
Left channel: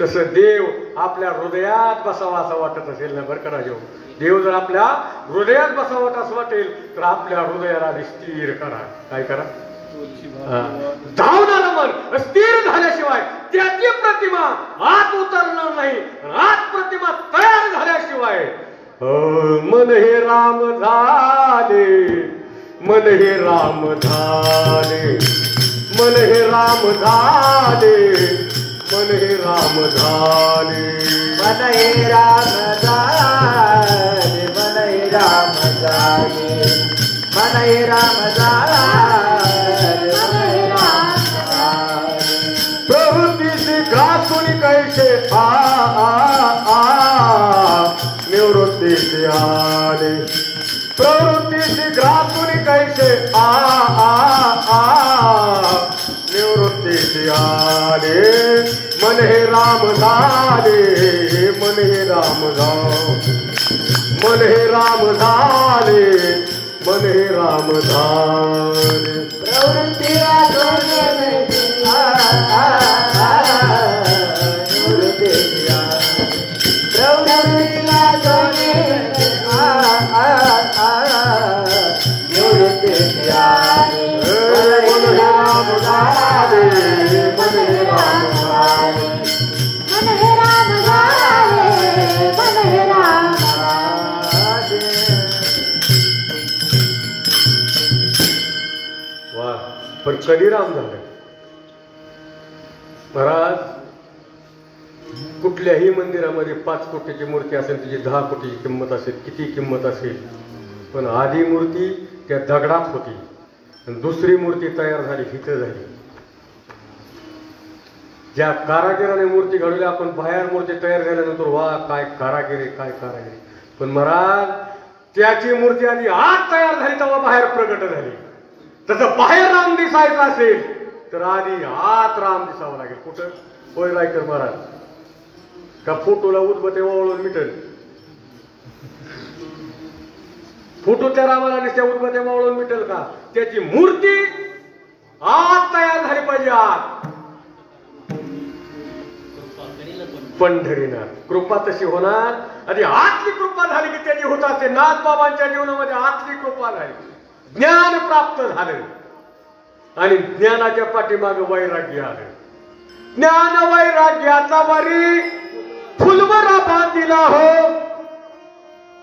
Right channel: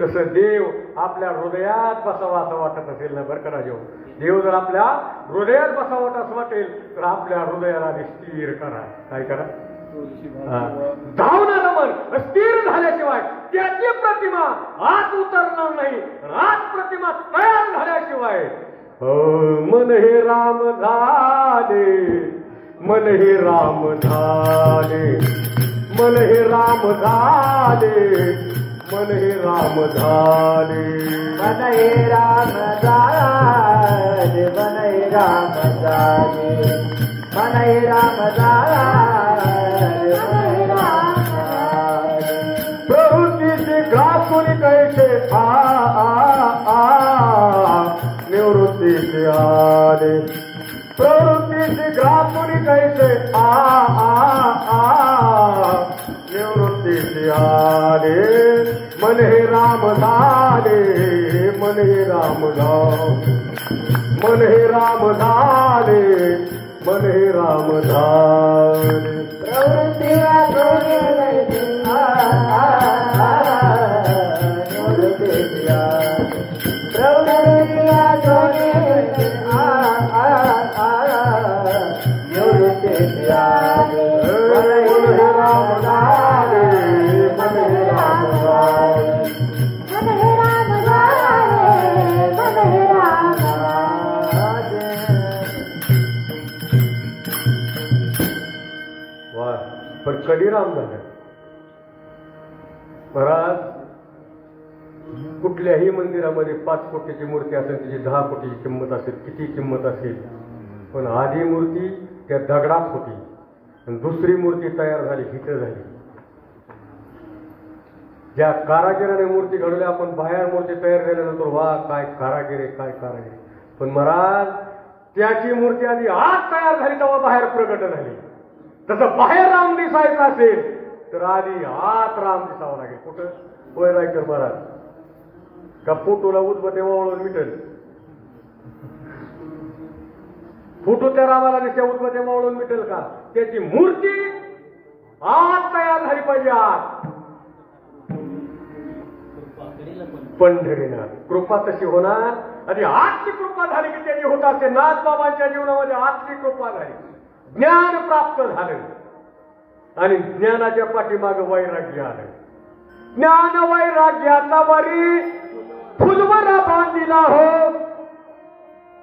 तसं देव आपल्या हृदयात बसावा असं वाटत असेल ना बरं का राजेहो. देव जर आपल्या हृदयात बसावं असं वाटेल तर आपल्या हृदयाला स्थिर करा. काय करा? धावणारं मन स्थिर झाल्याशिवाय त्याची प्रतिमा आत उतरणार नाही. आत प्रतिमा तयार झाल्याशिवाय मन हे राम झाले, मन हे राम झाले, मन हे राम झाले, मन हे राम झाले, मन हे राम झाले, मन हे राम झाले, मन हे राम झाले, मन हे राम झाले. प्रवृत्तीचे घातून कैसे निवृत्तीचे आले, प्रवृत्तीचे घातून कैसे निवृत्तीचे आले. मन हे राम झाले, मन हे राम झाले, मन हे राम झाले, मन हे राम झाले. प्रवृत्तीला सोडून निवृत्तीचे आले, प्रवृत्तीला सोडून निवृत्तीचे आले. मन हे राम झाले, मन हे राम झाले, मन हे राम झाले, मन हे राम झाले. वा. पण कधी राम झालं महाराज? कुठल्याही मंदिरामध्ये 5 कोटीची मूर्ती असेल, तिची 10 कोटीची किंमत असेल, किती किंमत असेल, पण आधी मूर्ती त्या दगडात होती आणि दुसरी मूर्ती तयार झाली इथं झाली. ज्या कारागिराने मूर्ती घडवली, आपण बाहेर मूर्ती तयार झाल्यानंतर वा काय कारागिरी, काय कारागिरी, पण महाराज त्याची मूर्ती आधी आत तयार झाली तेव्हा बाहेर प्रगट झाली. तसं बाहेर राम दिसायचं असेल तर आधी आत राम दिसावं लागेल. कुठं? होय रायकर महाराज. का फोटोला उदबत्ती ओवाळून मिटल? फोटो त्या रामाला नुसत्या उदबत्त्या ओवाळून मिटल का? त्याची मूर्ती आत तयार झाली पाहिजे. आत पंढरीना कृपा तशी होणार. आधी आतली कृपा झाली की त्याची होत असते. नाथ बाबांच्या जीवनामध्ये आतली कृपा झाली, ज्ञान प्राप्त झालं आणि ज्ञानाच्या पाठीमागे वैराग्य आलं. ज्ञान वैराग्याचा वरी फुलवरा बांधिला हो,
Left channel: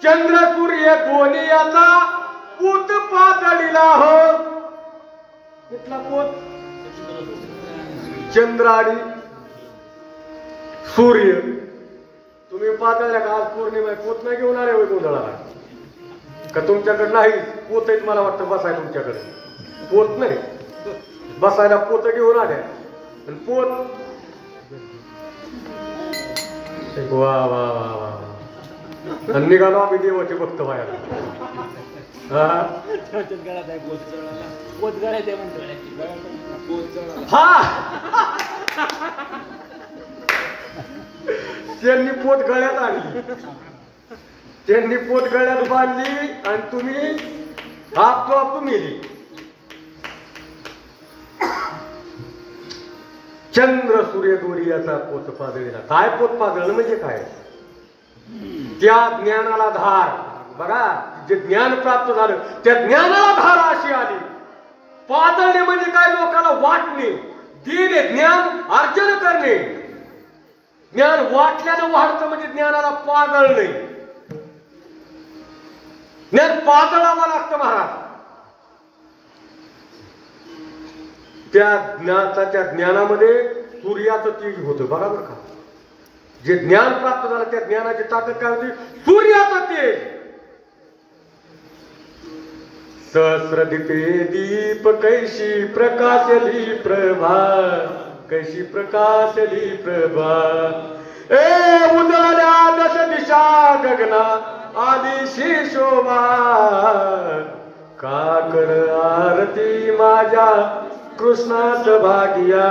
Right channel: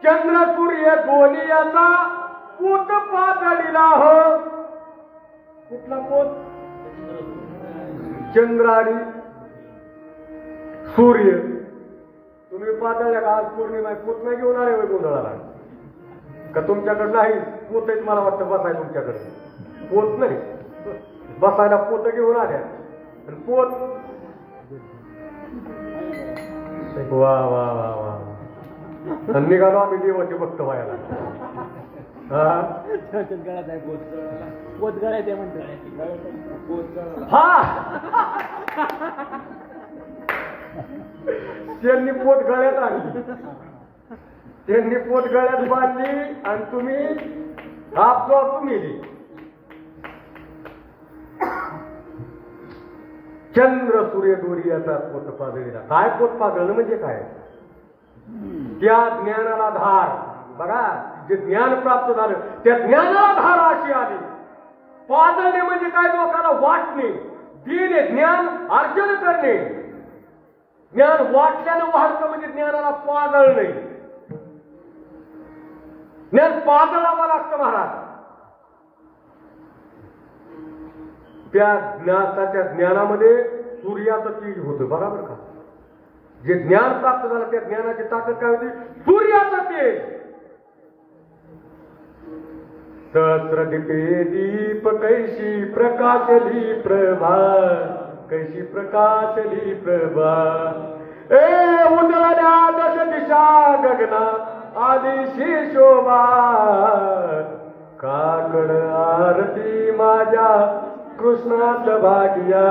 चंद्र सूर्य गोनियाचा पूत पातळीला हो. कुठला पोत? चंद्र आणि सूर्य. तुम्ही पातळल्या का? आज पौर्णिमा, पोत नाही घेऊन आले होय गोंधळाला का? तुमच्याकडे नाही पोत आहेत मला वाटतं बसायला. तुमच्याकडे पोत नाही, बसायला पोत घेऊन आल्या. पोत वा वा वा. निघालो आम्ही देवाचे भक्त व्हायला. त्यांनी पोत गळ्यात आणली, त्यांनी पोत गळ्यात बांधली आणि तुम्ही हात तो तुम्ही चंद्र सूर्य गोरियाचा पोत पाजळीला. काय पोत पाजळणं म्हणजे काय? त्या ज्ञानाला धार. बघा, जे ज्ञान प्राप्त झालं त्या ज्ञानाला धार अशी आली. पाजळणे म्हणजे काय? लोकांना वाटणे, देणे, ज्ञान अर्जन करणे. ज्ञान वाटल्यानं वाढतं म्हणजे ज्ञानाला पाजळणे. ज्ञान पाजळावं लागतं महाराज. त्या ज्ञानामध्ये सूर्याचं तेज होतं. बरोबर का? जे ज्ञान प्राप्त झालं त्या ज्ञानाची ताकद काय होती? सूर्याचं तेज. सहस्रदीपे दीप कैशी प्रकाशली प्रभा, कैशी प्रकाशली प्रभा. उन्हाळ्या दश दिशा गगना आदिशी शोभा. काकड आरती माझ्या कृष्णास भागिया,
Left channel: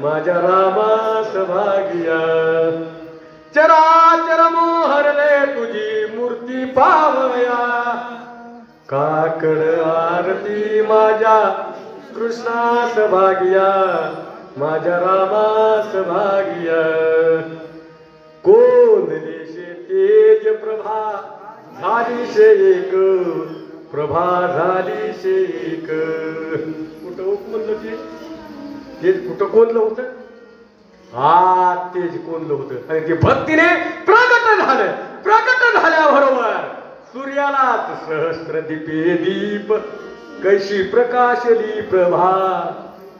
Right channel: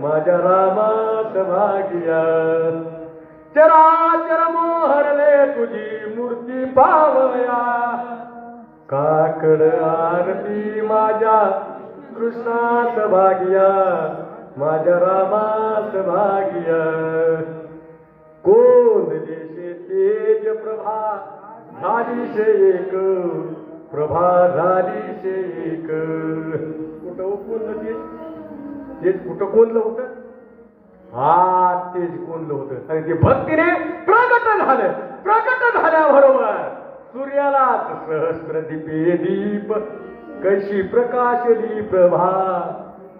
माझ्या रामास भागिया. चराचर मोहरले तुझी मूर्ती पावया. काकड आरती माझ्या कृष्णास भागिया, माझ्या रामास भागिया. झालीशे एक प्रभा झालीशे एक. कुठं म्हणलं ते कुठं कोणलं होतं? हा तेच कोणलं होतं. आणि ते भक्तीने प्रगट झालं. प्रगट झाल्याबरोबर सूर्यालाच सहस्र दीपे दीप कशी प्रकाशली प्रभा,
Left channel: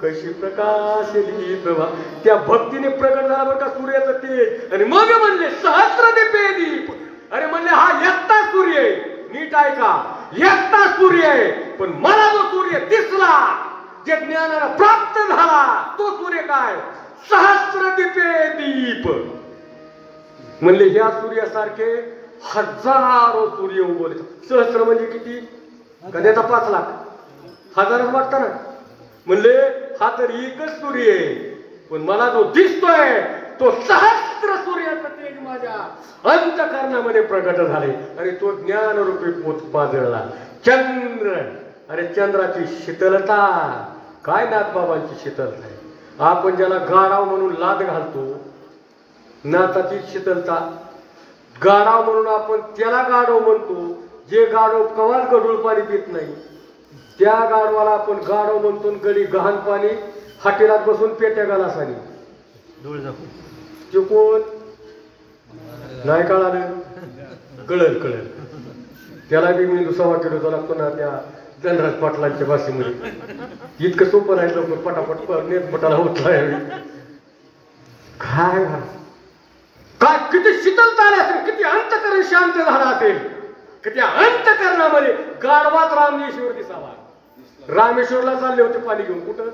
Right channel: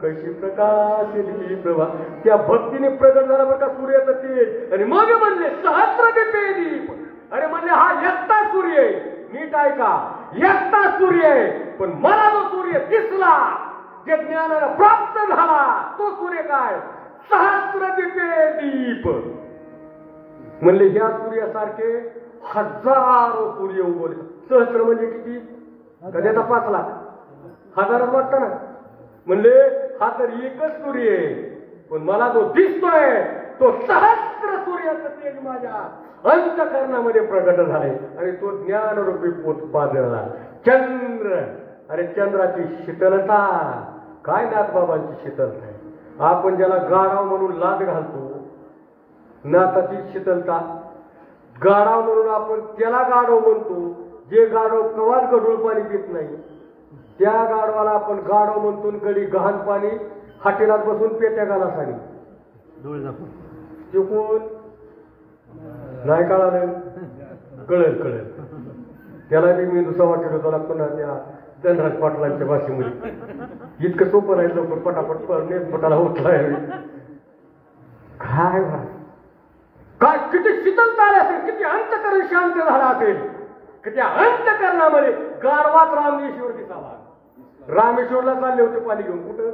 कशी प्रकाशली प्रभा. त्या भक्तीने प्रगट झाला बरं का सूर्याचं तेज. आणि मग म्हणले सहस्र दीपे दीप. अरे म्हणले हा एकटा सूर्य आहे. नीट ऐका, एकटा सूर्य आहे. पण मला जो सूर्य दिसला, जे ज्ञानाला प्राप्त झाला, तो सूर्य काय? सहस्र दीपे दीप. म्हणले ह्या सूर्यासारखे हजारो सूर्य उगवले. सहस्र म्हणजे किती? कधी 5 लाख, हजारच वाटतं ना. म्हणले हा तर एकच सूर्य आहे, पण मला जो दिसतोय तो सहस्र सूर्याचं तेज माझ्या अंतःकरणामध्ये प्रगट झाले. आणि तो ज्ञानरूपी पोत पाजळला. चंद्र, अरे चंद्राची शीतलता काय, नाथबाबांची शीतलता आहे. आपण ज्याला गाढव म्हणून लाद घालतो, नाथाची शीतलता. गाढव म्हणून आपण त्याला गाढव म्हणतो, जे गाढव कवाच गढूळ पाणी पित नाही, त्या गाढवाला आपण गाढव म्हणतो. गडी गहाण पाणी हाटेलात बसून पेट्या गालासानी तो कोण नाही कळालं? कळल कळल. त्याला बी मी दुसरा केलो लागतो ना त्या धनराज पाटलांच्या भाषेमध्ये. इतकं सोपं नाही लवकर पटापट नेटपटाला होत नाही. काय काय किती शीतलता आली असेल, किती अंतःकरण शांत झाला असेल, किती अंतःकरणामध्ये गाढवात रामेश्वर दिसावा. रामेश्वरला चालले होते पाणी घेऊन. कुठं?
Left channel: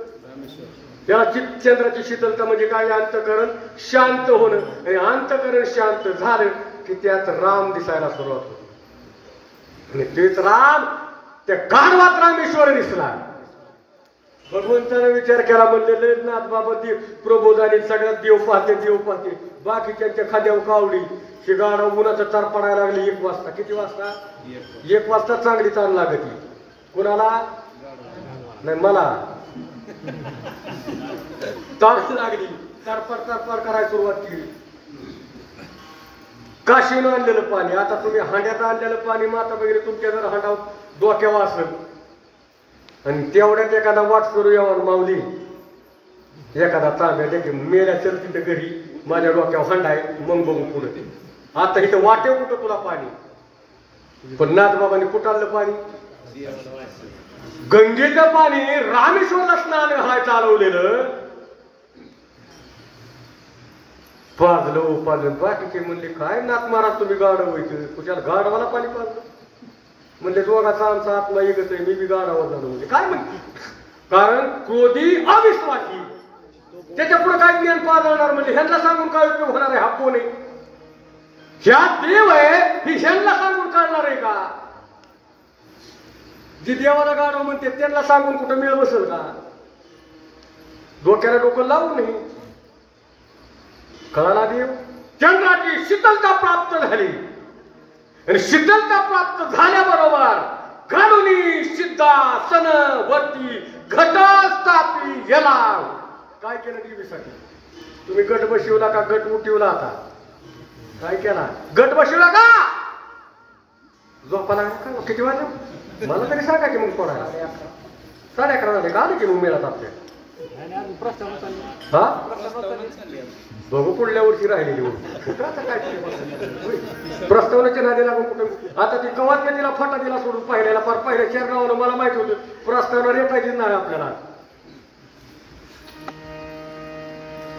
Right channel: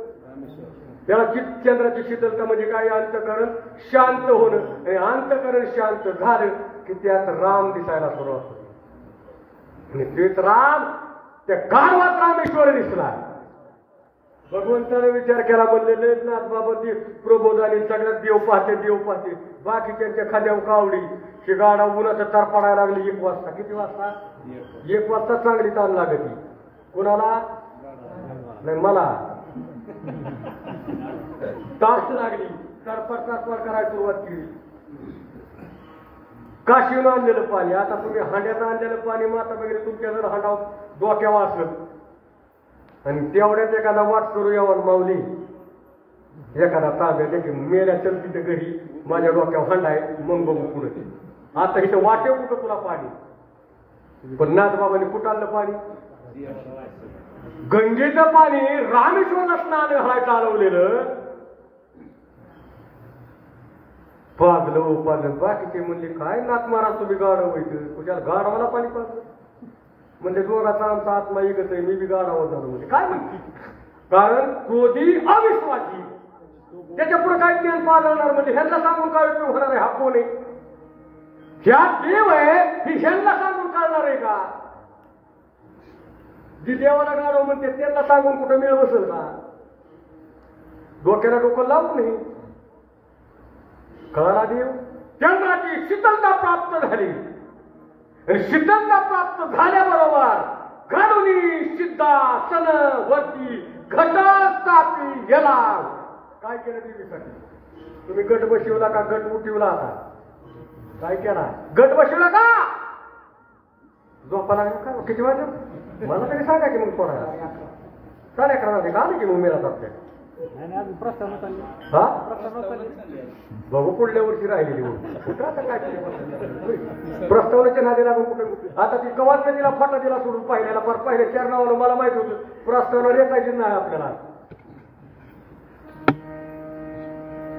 त्याला चंद्राची शीतलता म्हणजे काय? अंतःकरण शांत होणं. आणि अंतःकरण शांत झालं की त्यात राम दिसायला सुरुवात होती. आणि तेच राम त्या गाढवात रामेश्वर दिसला. भगवंताने विचार केला, म्हणलेले नाथबाबा देव प्रबोधाने सगळ्यात देव पाहते, देव पाहते. बाकीच्या खाद्यावर कावडी. हे गाढव उन्हाचं तार पडायला लागली 1 वाजता. किती वाजता? 1 वाजता चांगली ताण लागती. कुणाला? नाही मला. ताण लागली, तरपर तरपर करायला सुरुवात केली. काशीनं आणलेलं पाणी, आता तुम्ही हांड्यात आणलेलं पाणी माता वगैरे तुमच्या जर हांडा डोक्यावर असेल आणि तेवढ्यात एखादा वाट करू यावर माऊली, एखादा तांब्या देखील मेल्या चलती तर घरी माझ्या डोक्यावर हांडा आहे, मग बघू पुढे. आता इथं वाटेव कुठं तुला पाणी? पण नाथबाबांनी कुठं आणलं पाणी? गंगेचं पाणी रामेश्वरला स्नान घालायला चालवलेलं. पाजलं पाजलं. बाकीचे म्हणले काय नाथ महाराज तुम्ही गाढव व्हायचं, तुझ्या गाढवाला पाणी पाजलं. म्हणले जोगाचा आमचा आत्मा एकच आहे, मी बी गाढावर झालो. म्हणजे काय म्हणते? कारण क्रोधी अविश्वासी, त्याच्या पुढे काय ज्ञान पाजवणार? म्हणजे ह्यांना सांगून काय उपयोग होणार आहे? हा कोण आहे? ह्या देव आहे ही ह्यांना सांगून काढणार आहे का? जी देवाला गाढव म्हणते त्यांना सांगून कुठं मिळ बसेल का? डोक्याला डोकं लावू नये. कळाला देव? चंद्राची शीतलता प्राप्त झाली. आणि शीतलता प्राप्त झाल्याबरोबर घडुनी सिद्धासन वरती घट स्थापी गेला. काय केलं देवीसाठी? तुम्ही गट बसवला का गट उठवला? आता काय केला? गट बसवला का? झोपाला का? किती वाजले मला तरी सांगा की मग कोणाला? 11:30 वाजले का? आले की मग मेला आपल्या. हा बघू पुढल्या वर्षी राहिलेली कुठं. आता काय प्रस्तावनेच्या नादी लागून कुठं? आता ती कवात तिला फाटा दिला सोडून पाहिलेला फार पहिल्या 4 नावानं मला माहिती होतं प्रस्तावना रेटायची नाही आपल्याला.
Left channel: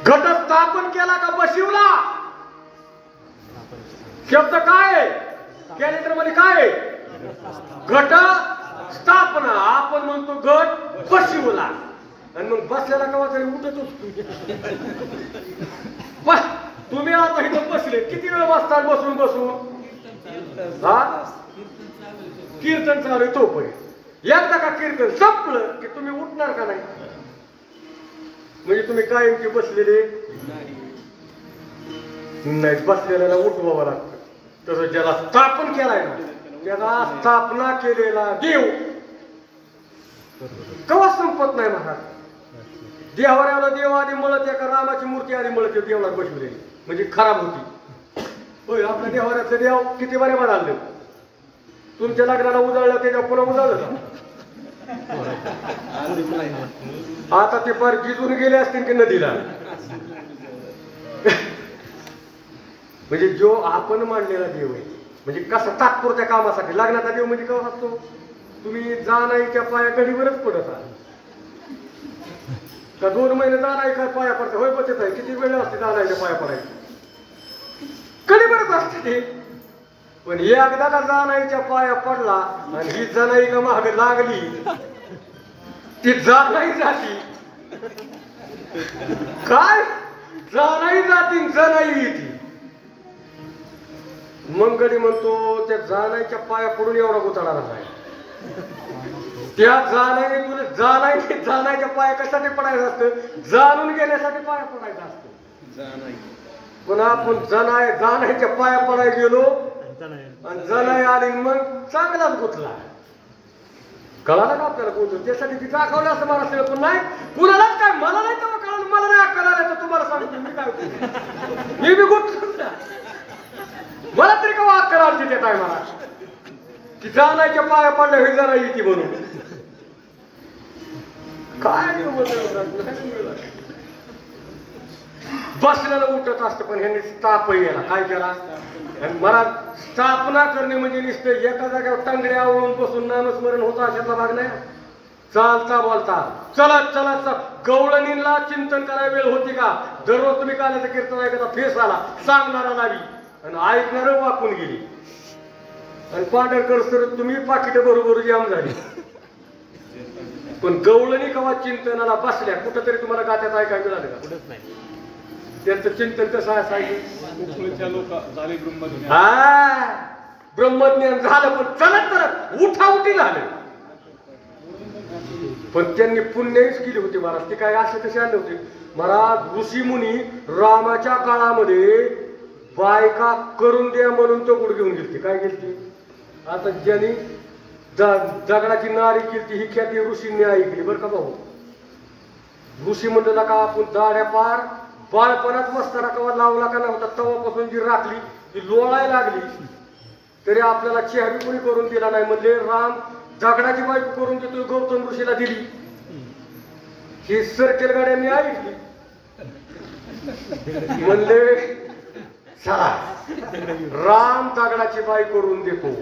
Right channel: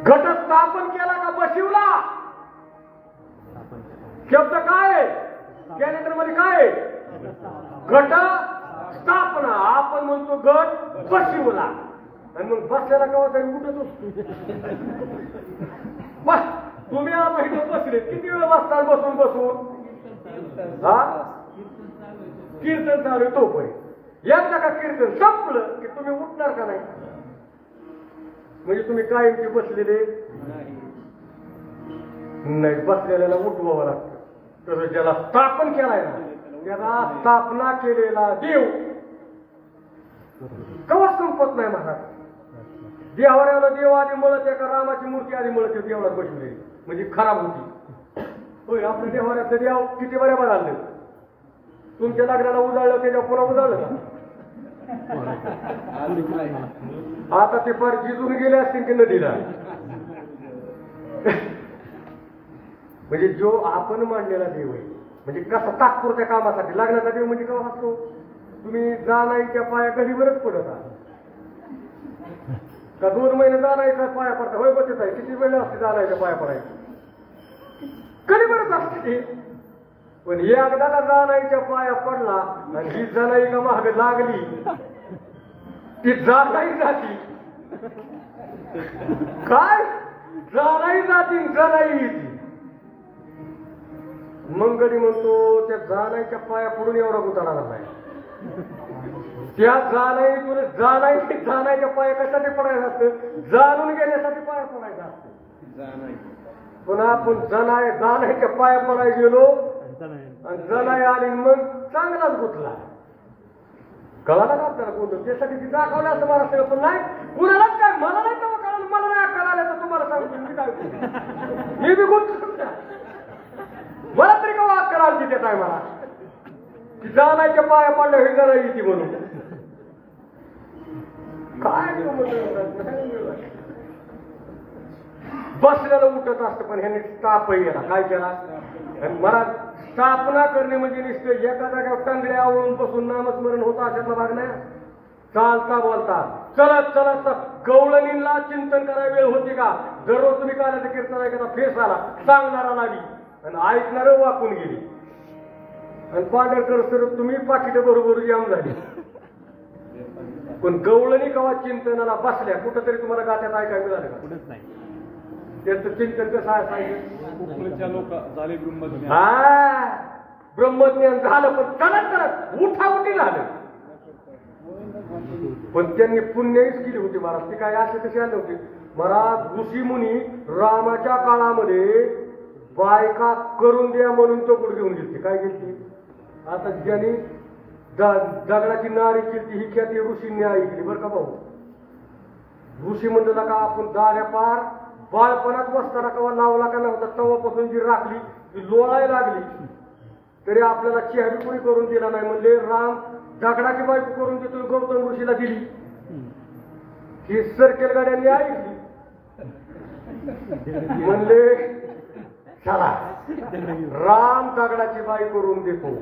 घट स्थापन केला का बशिवला? शब्द काय कॅलेंडर मध्ये काय? घट स्थापना. आपण म्हणतो गट बशिवला. आणि मग बसलेला केव्हा तरी उठतोच. तुम्ही आता इथं बसले किती वेळ बसता? बसून बसून हा कीर्तन चालू आहे तोपर्यंत. एकदा का कीर्तन संपलं की तुम्ही उठणार का नाही? म्हणजे तुम्ही कायमची बसलेले नाही. बसलेल्याला उठवावं लागतं. तसं ज्याला स्थापन केलाय ना, त्याला स्थापना केलेला देव कवा संपत नाही महाराज. देवाऱ्याला देव आधी मळत एका रामाची मूर्ती आधी मळत देवळात बसवलेली म्हणजे खराब होती. होय आपल्या देवाऱ्याचं देव किती बरे म्हणाले. तुमच्या लग्नाला उजाळलं त्याच्या पुन्हा उजाळलं. आता ते फार गिजून गेले असतील की नदीला. म्हणजे जो आपण मांडलेला देव आहे, म्हणजे कसा तात्पुरत्या कामासाठी. लग्नाचा देव म्हणजे केव्हा असतो? तुम्ही जाणाईच्या पाया कधीवरच पडत आहात का 2 महिने जाणाई काय पाया पडता? होय बचत आहे. किती वेळ असते जाणाईच्या पाया पडायचं? कधी बरंच असते ते. पण एकदा का जाणाईच्या पाया पडला आणि ही जनाई का मागे लागली, ती जाणाई जाती. काय जाणाई जाती, जनाई येते. मग कधी म्हणतो त्या जाणाईच्या पाया पडून एवढा गोताळा नाही. त्या जाणायच्या पाया कशासाठी पडायचं असतं? जाणून गेल्यासाठी पाया पडायचं असतं. पण आपण जाणायच्या पाया पडायला गेलो आणि जनाय आली मग चांगलाच गुतला. कळाला का आपल्याला कोणतं? त्यासाठी ती दाखवलं असं मला सगळं. पण नाही कुणालाच काय, मला नाही तर कळालं, मला नाही कळालं तर तुम्हाला सांगतो मी काय हे बी गुंतलं ना. मला तरी का वाद कराल त्या टायमाला ती जाणायच्या पाया पडल्या हे जरा येते म्हणून. काय बसलेलं उठत असतं. पण ह्यांनी स्थापही केला. काय केला? आणि मला स्थापना करणे म्हणजे नुसतं एका जागेवर टांगड्या आवळून बसून नामस्मरण होतं अशातला भाग नाही. चालता बोलता चलत चलत गवळणीला चिंतन करायला वेळ होती का? दररोज तुम्ही काल्याचं कीर्तन ऐकायचा फेस आला, सांगणारा लावी आणि ऐकणार वाकून गेली. आणि पांढरकर सर तुम्ही पाकिट बरोबर जाम झाली. पण गवळणी कवा चिंतनाला बसल्या कुठंतरी तुम्हाला गात्यात ऐकायला मिळालं का? त्यांचं चिंतन कसं असायचं? ब्रह्मज्ञान झालं पण चलत चलत उठाउठी झालं. पण त्यांनी पुण्याहीच केली होती महाराज. ते काय असे तसे आले होते महाराज. ऋषी मुनी रामाच्या काळामध्ये बायका करून द्या म्हणून तो पुढे घेऊन गेलते. काय गेलती? आता ज्यांनी दगडाची नारी केली ही ख्याती ऋषींनी ऐकली बरं का भाऊ. ऋषी म्हणलं का आपण दाड्या पार बाळपणात बसताना कवा लावला का नव्हता तवापासून जी राखली ती लोळायला लागली तरी आपल्याला चेहरी कोणी करून दिला नाही. म्हणजे राम दगडाची बायको करून देतोय गौतम ऋषीला दिली. ही सर्केल गाड्यांनी ऐकली. म्हणले चला राम दगडाची बाई करून देतो.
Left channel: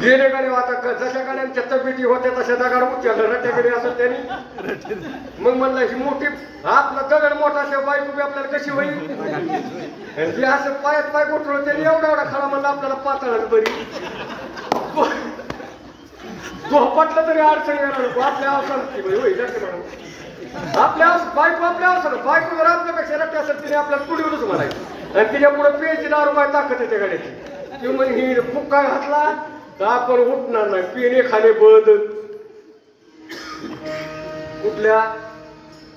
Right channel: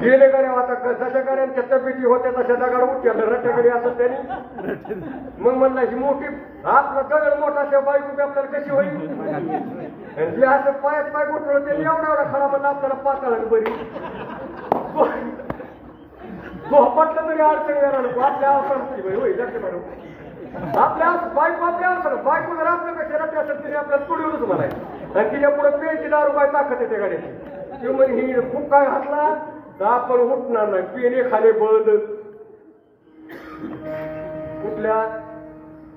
गेले कडे आता जशा गाड्यांच्या तब्येती होत्या तशा दगड उचललं रट्याकडे असं त्यांनी. मग म्हणलं ही मोठी आपला दगड मोठा अशा बायको आपल्याला कशी होईल? जे असं पायात पाय उठवलं त्यांनी एवढा एवढा खडा म्हणलं आपल्याला पाताळच बरी. झोपटलं तरी अडचणी येणार. आपल्या अवसर होईल आपल्या बायको आपल्या अवसर बायको जर आपल्यापेक्षा रट्या असेल तिने आपल्याला पुढीवरच म्हणायचं. आणि तिच्या पुढे पेची नावर बाय ताकद येते गाड्याची. किंवा ही खूप काय घातला तर आपण उठणार नाही. पेने खाले बंद. कुठल्या?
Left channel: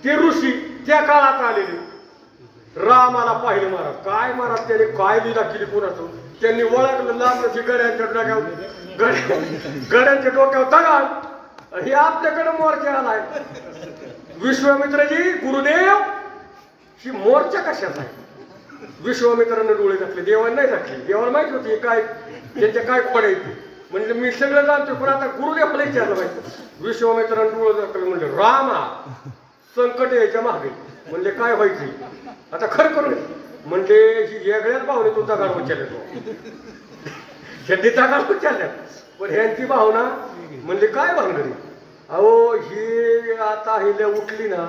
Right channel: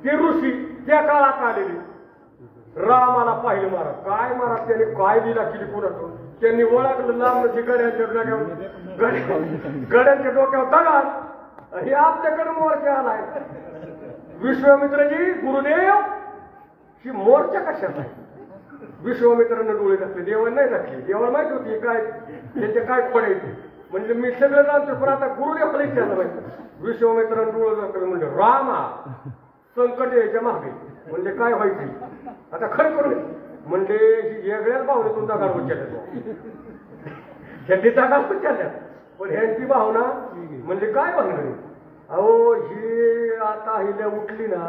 ते ऋषी त्या काळात आलेले रामाला पाहिलं महाराज. काय महाराज त्याने काय लीला केली कोणाचं? त्यांनी ओळखलं लांबची गड्यांच्या डोक्यावर दगड. हे आपल्याकडे मोर्चा आलाय. विश्वामित्रजी गुरुदेव ही मोर्चा कशाचा आहे? विश्वामित्रांना डोळे टाकले. देवाला नाही टाकले. देवाला माहित होती काय त्यांच्या काय पडायचे. म्हणजे मी सगळं जाणतो पण आता गुरुदेव पडायचे आता माहिती. विश्वामित्रांना डोळे टाकले. म्हणजे रामा संकट यायच्या मागे. म्हणजे काय व्हायची आता खरं करून. म्हणजे ही वेगळ्याच भावने तू दगड उचलल्या. ह्यांनी दगड उचलल्या पण ह्यांची भावना म्हणजे काय भावना? अहो ही आता हिले उठली ना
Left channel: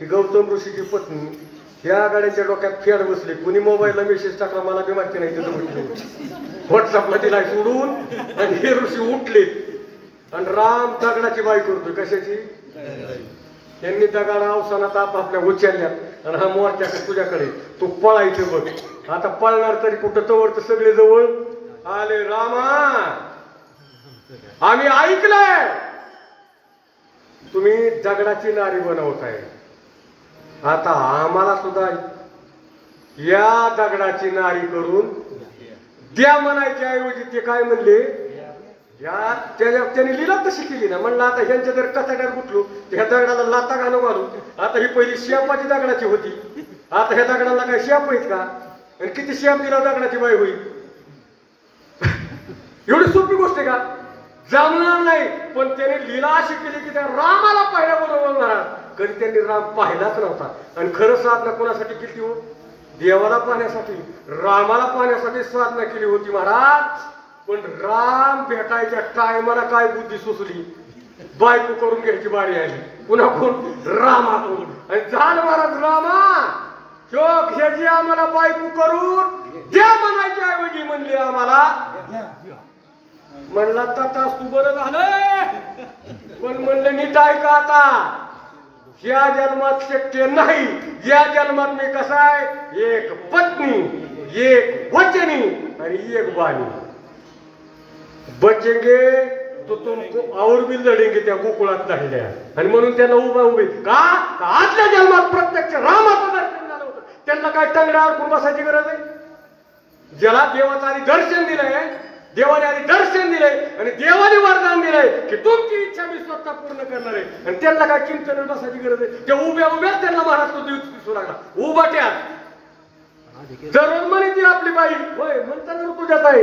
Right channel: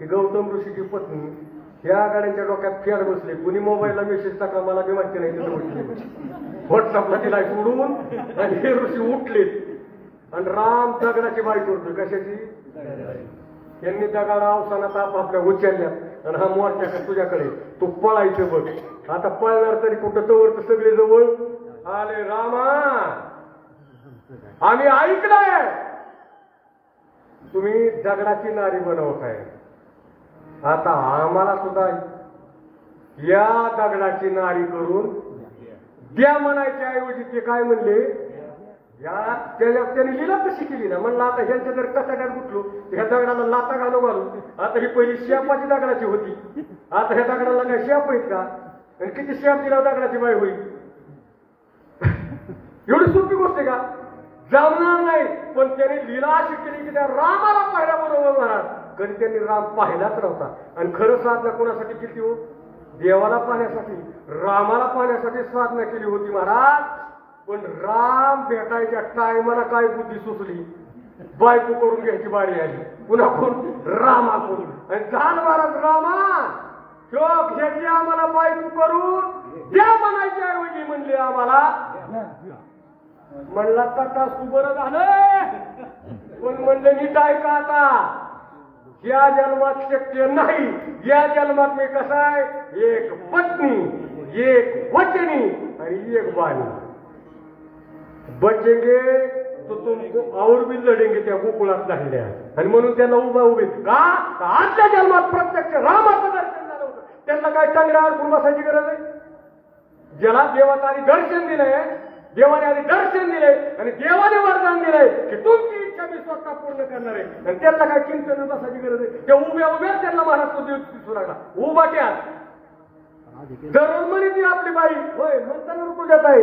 ही गौतम ऋषीची पत्नी. या गाड्यांच्या डोक्यात फेड बसले. कुणी मोबाईलला मेसेज टाकला मला बी माहिती नाही. तिथं उठले व्हॉट्सअपला तिला सोडून आणि हे ऋषी उठले आणि राम दगडाची बाई करतोय. कशाची? त्यांनी दगडा अवसानात आपल्या उचलल्या आणि हा मोर्चा तुझ्याकडे तू पळायचं बघ. आता पळणार तरी कुठं तवर तर सगळे जवळ आले. रामा आम्ही ऐकलंय तुम्ही दगडाची नारी बनवताय. आता आम्हाला सुद्धा या दगडाची नारी करून द्या म्हणायच्या ऐवजी ते काय म्हणले या त्यांनी लीला तशी केली ना. म्हणलं आता ह्यांच्या जर कचाट्यात गुटलो ह्या दगडाला लाता घालून घालू. आता ही पहिली शेपाची दगडाची होती. आता ह्या दगडाला काय शेप आहेत का? आणि किती शेप दिला दगडाची बाई होईल? एवढी सोपी गोष्ट आहे का? जमणार नाही. पण त्याने लीला अशी केली की त्या रामाला पाहिल्याबरोबर महाराज कधी त्यांनी राम पाहिलाच नव्हता. आणि खरं साधना कोणासाठी केली हो? देवाला पाहण्यासाठी, रामाला पाहण्यासाठी साधना केली होती महाराज. पण राम भेटायच्या टायमाला काय बुद्धी सुचली, बायको करून घ्यायची बारी आली. पुन्हा कोण? रामाकडून. आणि झालं महाराज रामा शोक ह्याची आम्हाला बायको करून द्या म्हणायची ऐवजी म्हणली आम्हाला. म्हणला तातास तू बरं झालं. पण म्हणलं नीट ऐका आता, या जन्मात शक्य नाही. या जन्मात मी कसा आहे, एक पत्नी, एक वचनी आणि एक बाणी. बचेंगे तो तुमको और भी लढेंगे त्या गोकुळात धाडल्या. आणि म्हणून त्यांना उभे का आजच्या जन्मात प्रत्यक्ष रामाचं दर्शन झालं होतं. त्यांना काय टांगड्यावर अडकून बसायची गरज आहे. ज्याला देवाचं आधी दर्शन दिलंय, देवाने आधी दर्शन दिलंय आणि देवाने वरदान दिलंय की तुमची इच्छा मी स्वतः पूर्ण करणार आहे. आणि त्यांना काय चिंतन बसायची गरज आहे. त्या उभ्या उभ्याच त्यांना महाराज तो देव दिसू लागला. उभाट्यात जर म्हणे ती आपली बाई होय म्हणताना तुझ्या बाई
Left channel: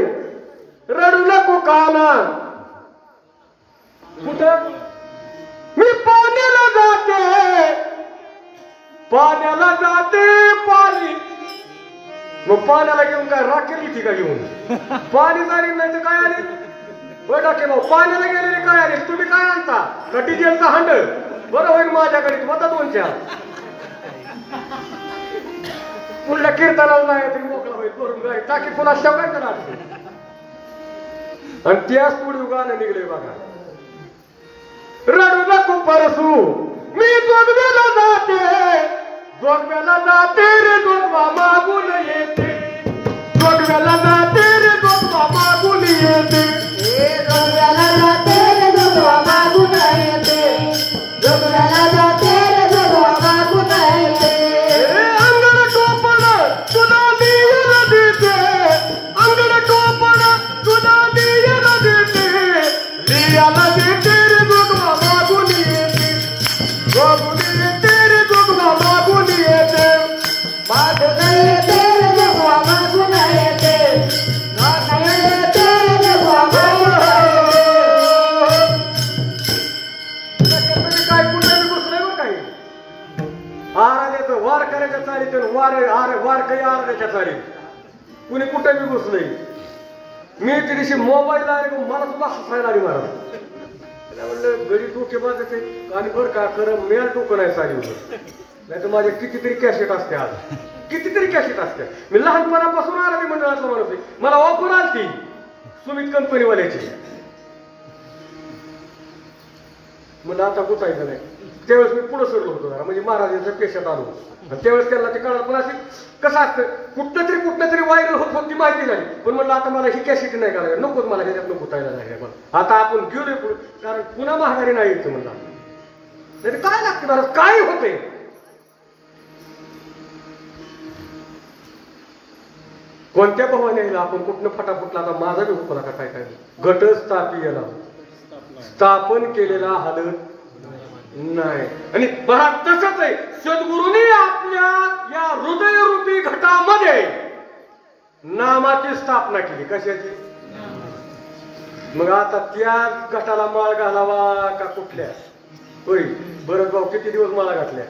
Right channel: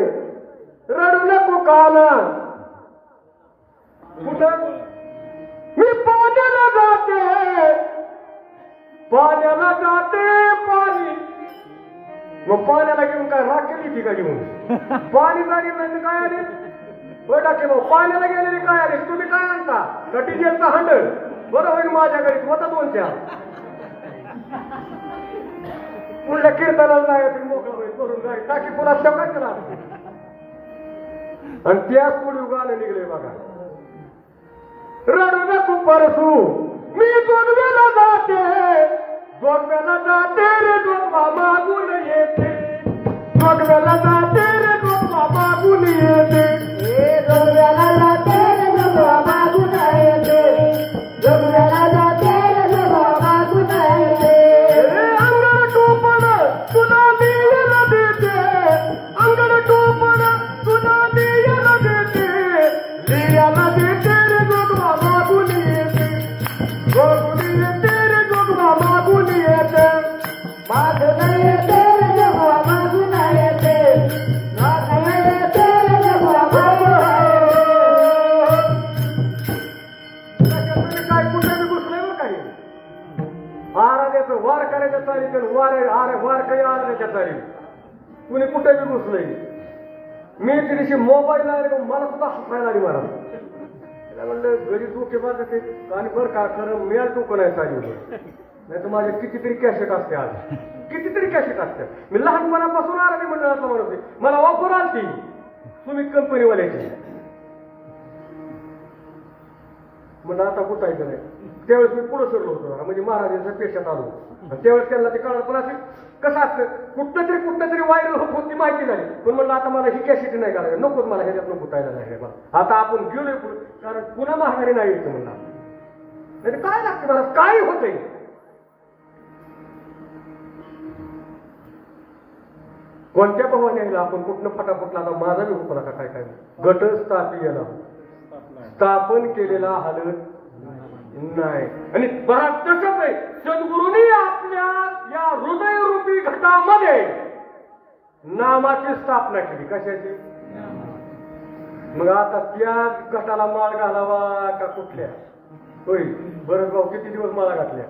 रडू नको काना. कुठं? मी पाण्याला जाते, पाण्याला जाते पाणी. मग पाण्याला घेऊन काय राख केली ती का घेऊन? पाणी जाणी नाही तर काय आले? डाके भाऊ पाण्याला गेलेले काय आले? तुम्ही काय आणता? का डिझेलचा हंडल? बरं होईल माझ्याकडे होता 2 चार. पुढल्या कीर्तनाला नाही तरी मोकळा होईल भरून जाईल टाकी पुन्हा शेवकायचं लागते. आणि त्याच पुढे गाणं निघले बघा. रडू नको परसू मी जोगव्याला जाते, जोगव्याला जाते रे जोगवा मागून येते. जोगव्याला जाते रे जोगवा मागून येते. जोगव्याला जाते रे जोगवा मागून येते. जोगव्याला जाते रे जोगवा मागून येते. अंगण टोपण तुला दियला देते, अंगण टोपण तुला दियला देते. लियाला देते रे जोगवा मागून येते. मागून येते रे जोगवा मागून येते. मागून येते रे जोगवा मागून येते. मागून येते रे जोगवा मागून तुम्ही काय कुठे बसले बरं काही आराध्याचं वार करायच्या चालीत वार काही आराध्याच्या चालीत कुणी कुठे बी घुसलंय. मी त्या दिवशी मोबाईल आले मला सुद्धा हसायला आली मला. म्हणलं घरी डोके बाजत आणि बरं का खरं मेळ डोकं नाही साडी नाही तर माझ्या कितीतरी कॅसेट असते. आज कितीतरी कॅसेट असते. मी लहानपणापासून आराध्य मंडळाचा माणूस आहे. मला ऑफर आलती सुमित कंपनीवाल्याची. म्हणलं आता गुतायचं नाही. त्यावेळेस मी पुढे सोडलो होतो म्हणजे महाराजांच्या पेशात आलो. त्यावेळेस त्यांना ते कळलं. पण असे कसं असतं कुठं तरी व्हायरल होत होती माहिती नाही. पण म्हणलं आता मला ही कॅसेटी नाही करायला नकोच मला ह्याच्यात नको गुतायला नाही. आता आपण गेलोय कारण पुन्हा महागारी नाही यायचं म्हणलं. नाही काय लागतं महाराज काय होतंय. कोणत्या भावाने यायला आपण कुठनं फटाफटला आता माझा बी हुकला का काय काय गट स्थापीयला स्थापन केलेला हालत नाही. आणि पहा तसंच आहे सद्गुरूंनी आपल्या या हृदयरूपी घटामध्ये नामाची स्थापना केली. कशाची? मग आता त्या घटाला माळ घालावा का कुठल्या? होय बरं भाऊ किती दिवस माळा घातल्या?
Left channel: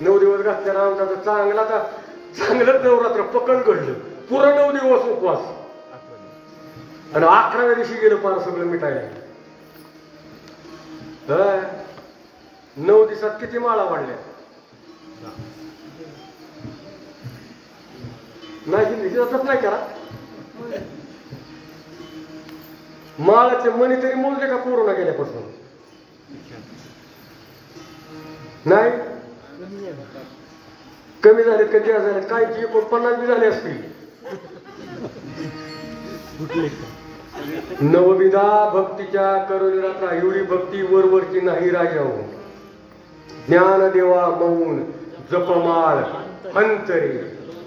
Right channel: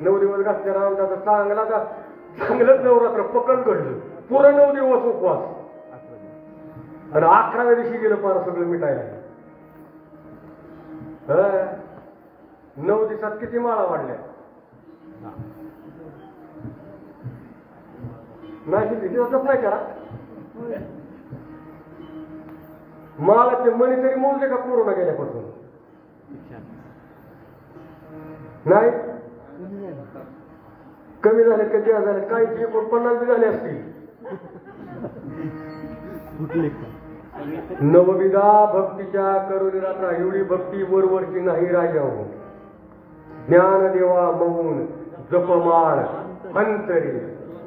9 दिवस घातल्या. रामदाचा चांगलं नवरात्र पकड घडलं. पुरं 9 दिवस उपवास आणि 11व्या दिवशी गेलं पार सगळं मिटायला. 9 दिवसात किती माळा वाढल्या? नाही नाही करा. माळाचे मणी तरी मोजले का कोरोना गेल्यापासून? नाही कमी झाले कधी झाले काही 49 बी झाले असतील. नवविधा भक्तीच्या करुणात एवढी भक्ती वरवरची नाही राजाओ. ज्ञानदेवा मौन जपमाळ अंतरी.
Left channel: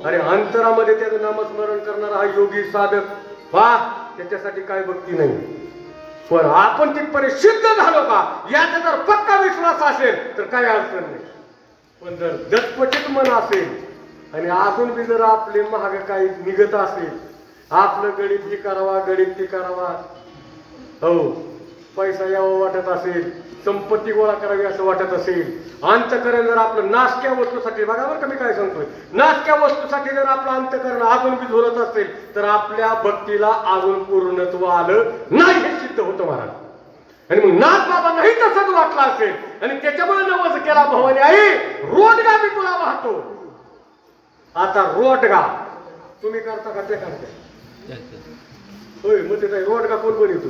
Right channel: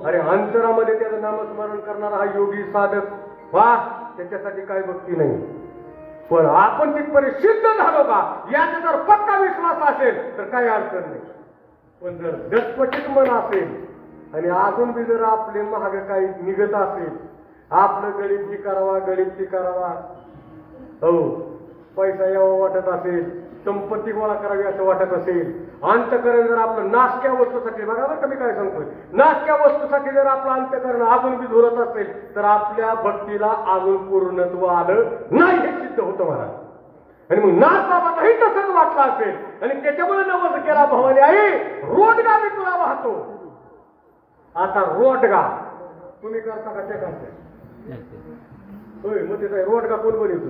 अरे अंतरामध्ये त्याचं नामस्मरण करणारा हा योगी साधक पहा त्याच्यासाठी काय भक्ती नाही. पण आपण तिथपर्यंत सिद्ध झालो का याचा जर पक्का विश्वास असेल तर काही अडचण नाही. पण जर दत्पचित मन असेल आणि आपण बी जर आपले महाग काही निघत असेल आपलं गणित ही करावा, गणित ती करावा. हो, पैसा यावा वाटत असेल, संपत्ती गोळा करावी असं वाटत असेल, अंतकरण जर आपलं नाशक्या वस्तूसाठी, बघा बरं का मी काय सांगतोय, नाशक्या वस्तूसाठी जर आपलं अंतकरण अजून बी झुरत असेल तर आपल्या भक्तीला अजून पूर्णत्व आलं नाही हे सिद्ध होतं महाराज. आणि मग नाथ बाबांनाही तसंच वाटलं असेल आणि त्याच्यामुळे नवस केला भवानी आई रोडगा मी तुला वाहतो. आता रोडगा तुम्ही करता का ते करता? होय, मग ते रोडगा कोण बनवतो?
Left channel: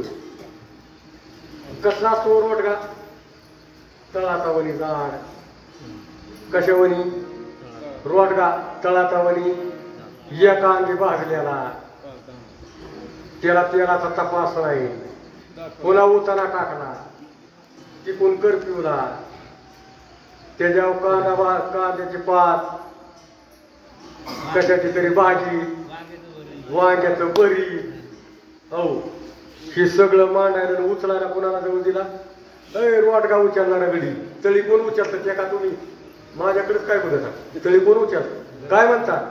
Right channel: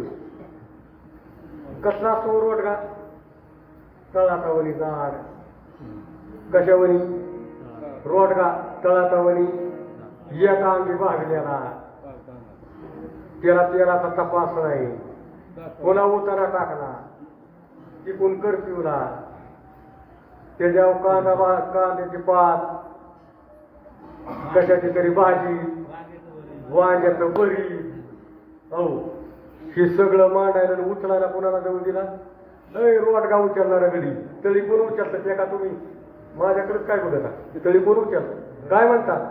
कसा असतो रोडगा? तळातावणी झाड. कशावणी? रोडगा तळातावणी एका अंगी भाजलेला, त्याला तेलाचा तपास नाही, पुन्हा उतारा टाकला, तिकून कर्फ्यूला, त्याच्यावर कांद्याची पात, कशाची तरी भाजी, वांग्याचं बरी, हो हे सगळं मांडायला उचलायला कुणाला जाऊन दिला? रोडगा उचलणारा गडी. तळी कोण उचलतात ते का तुम्ही? माझ्याकडेच काय बघता, तळी कोण उचलत? काय म्हणतात?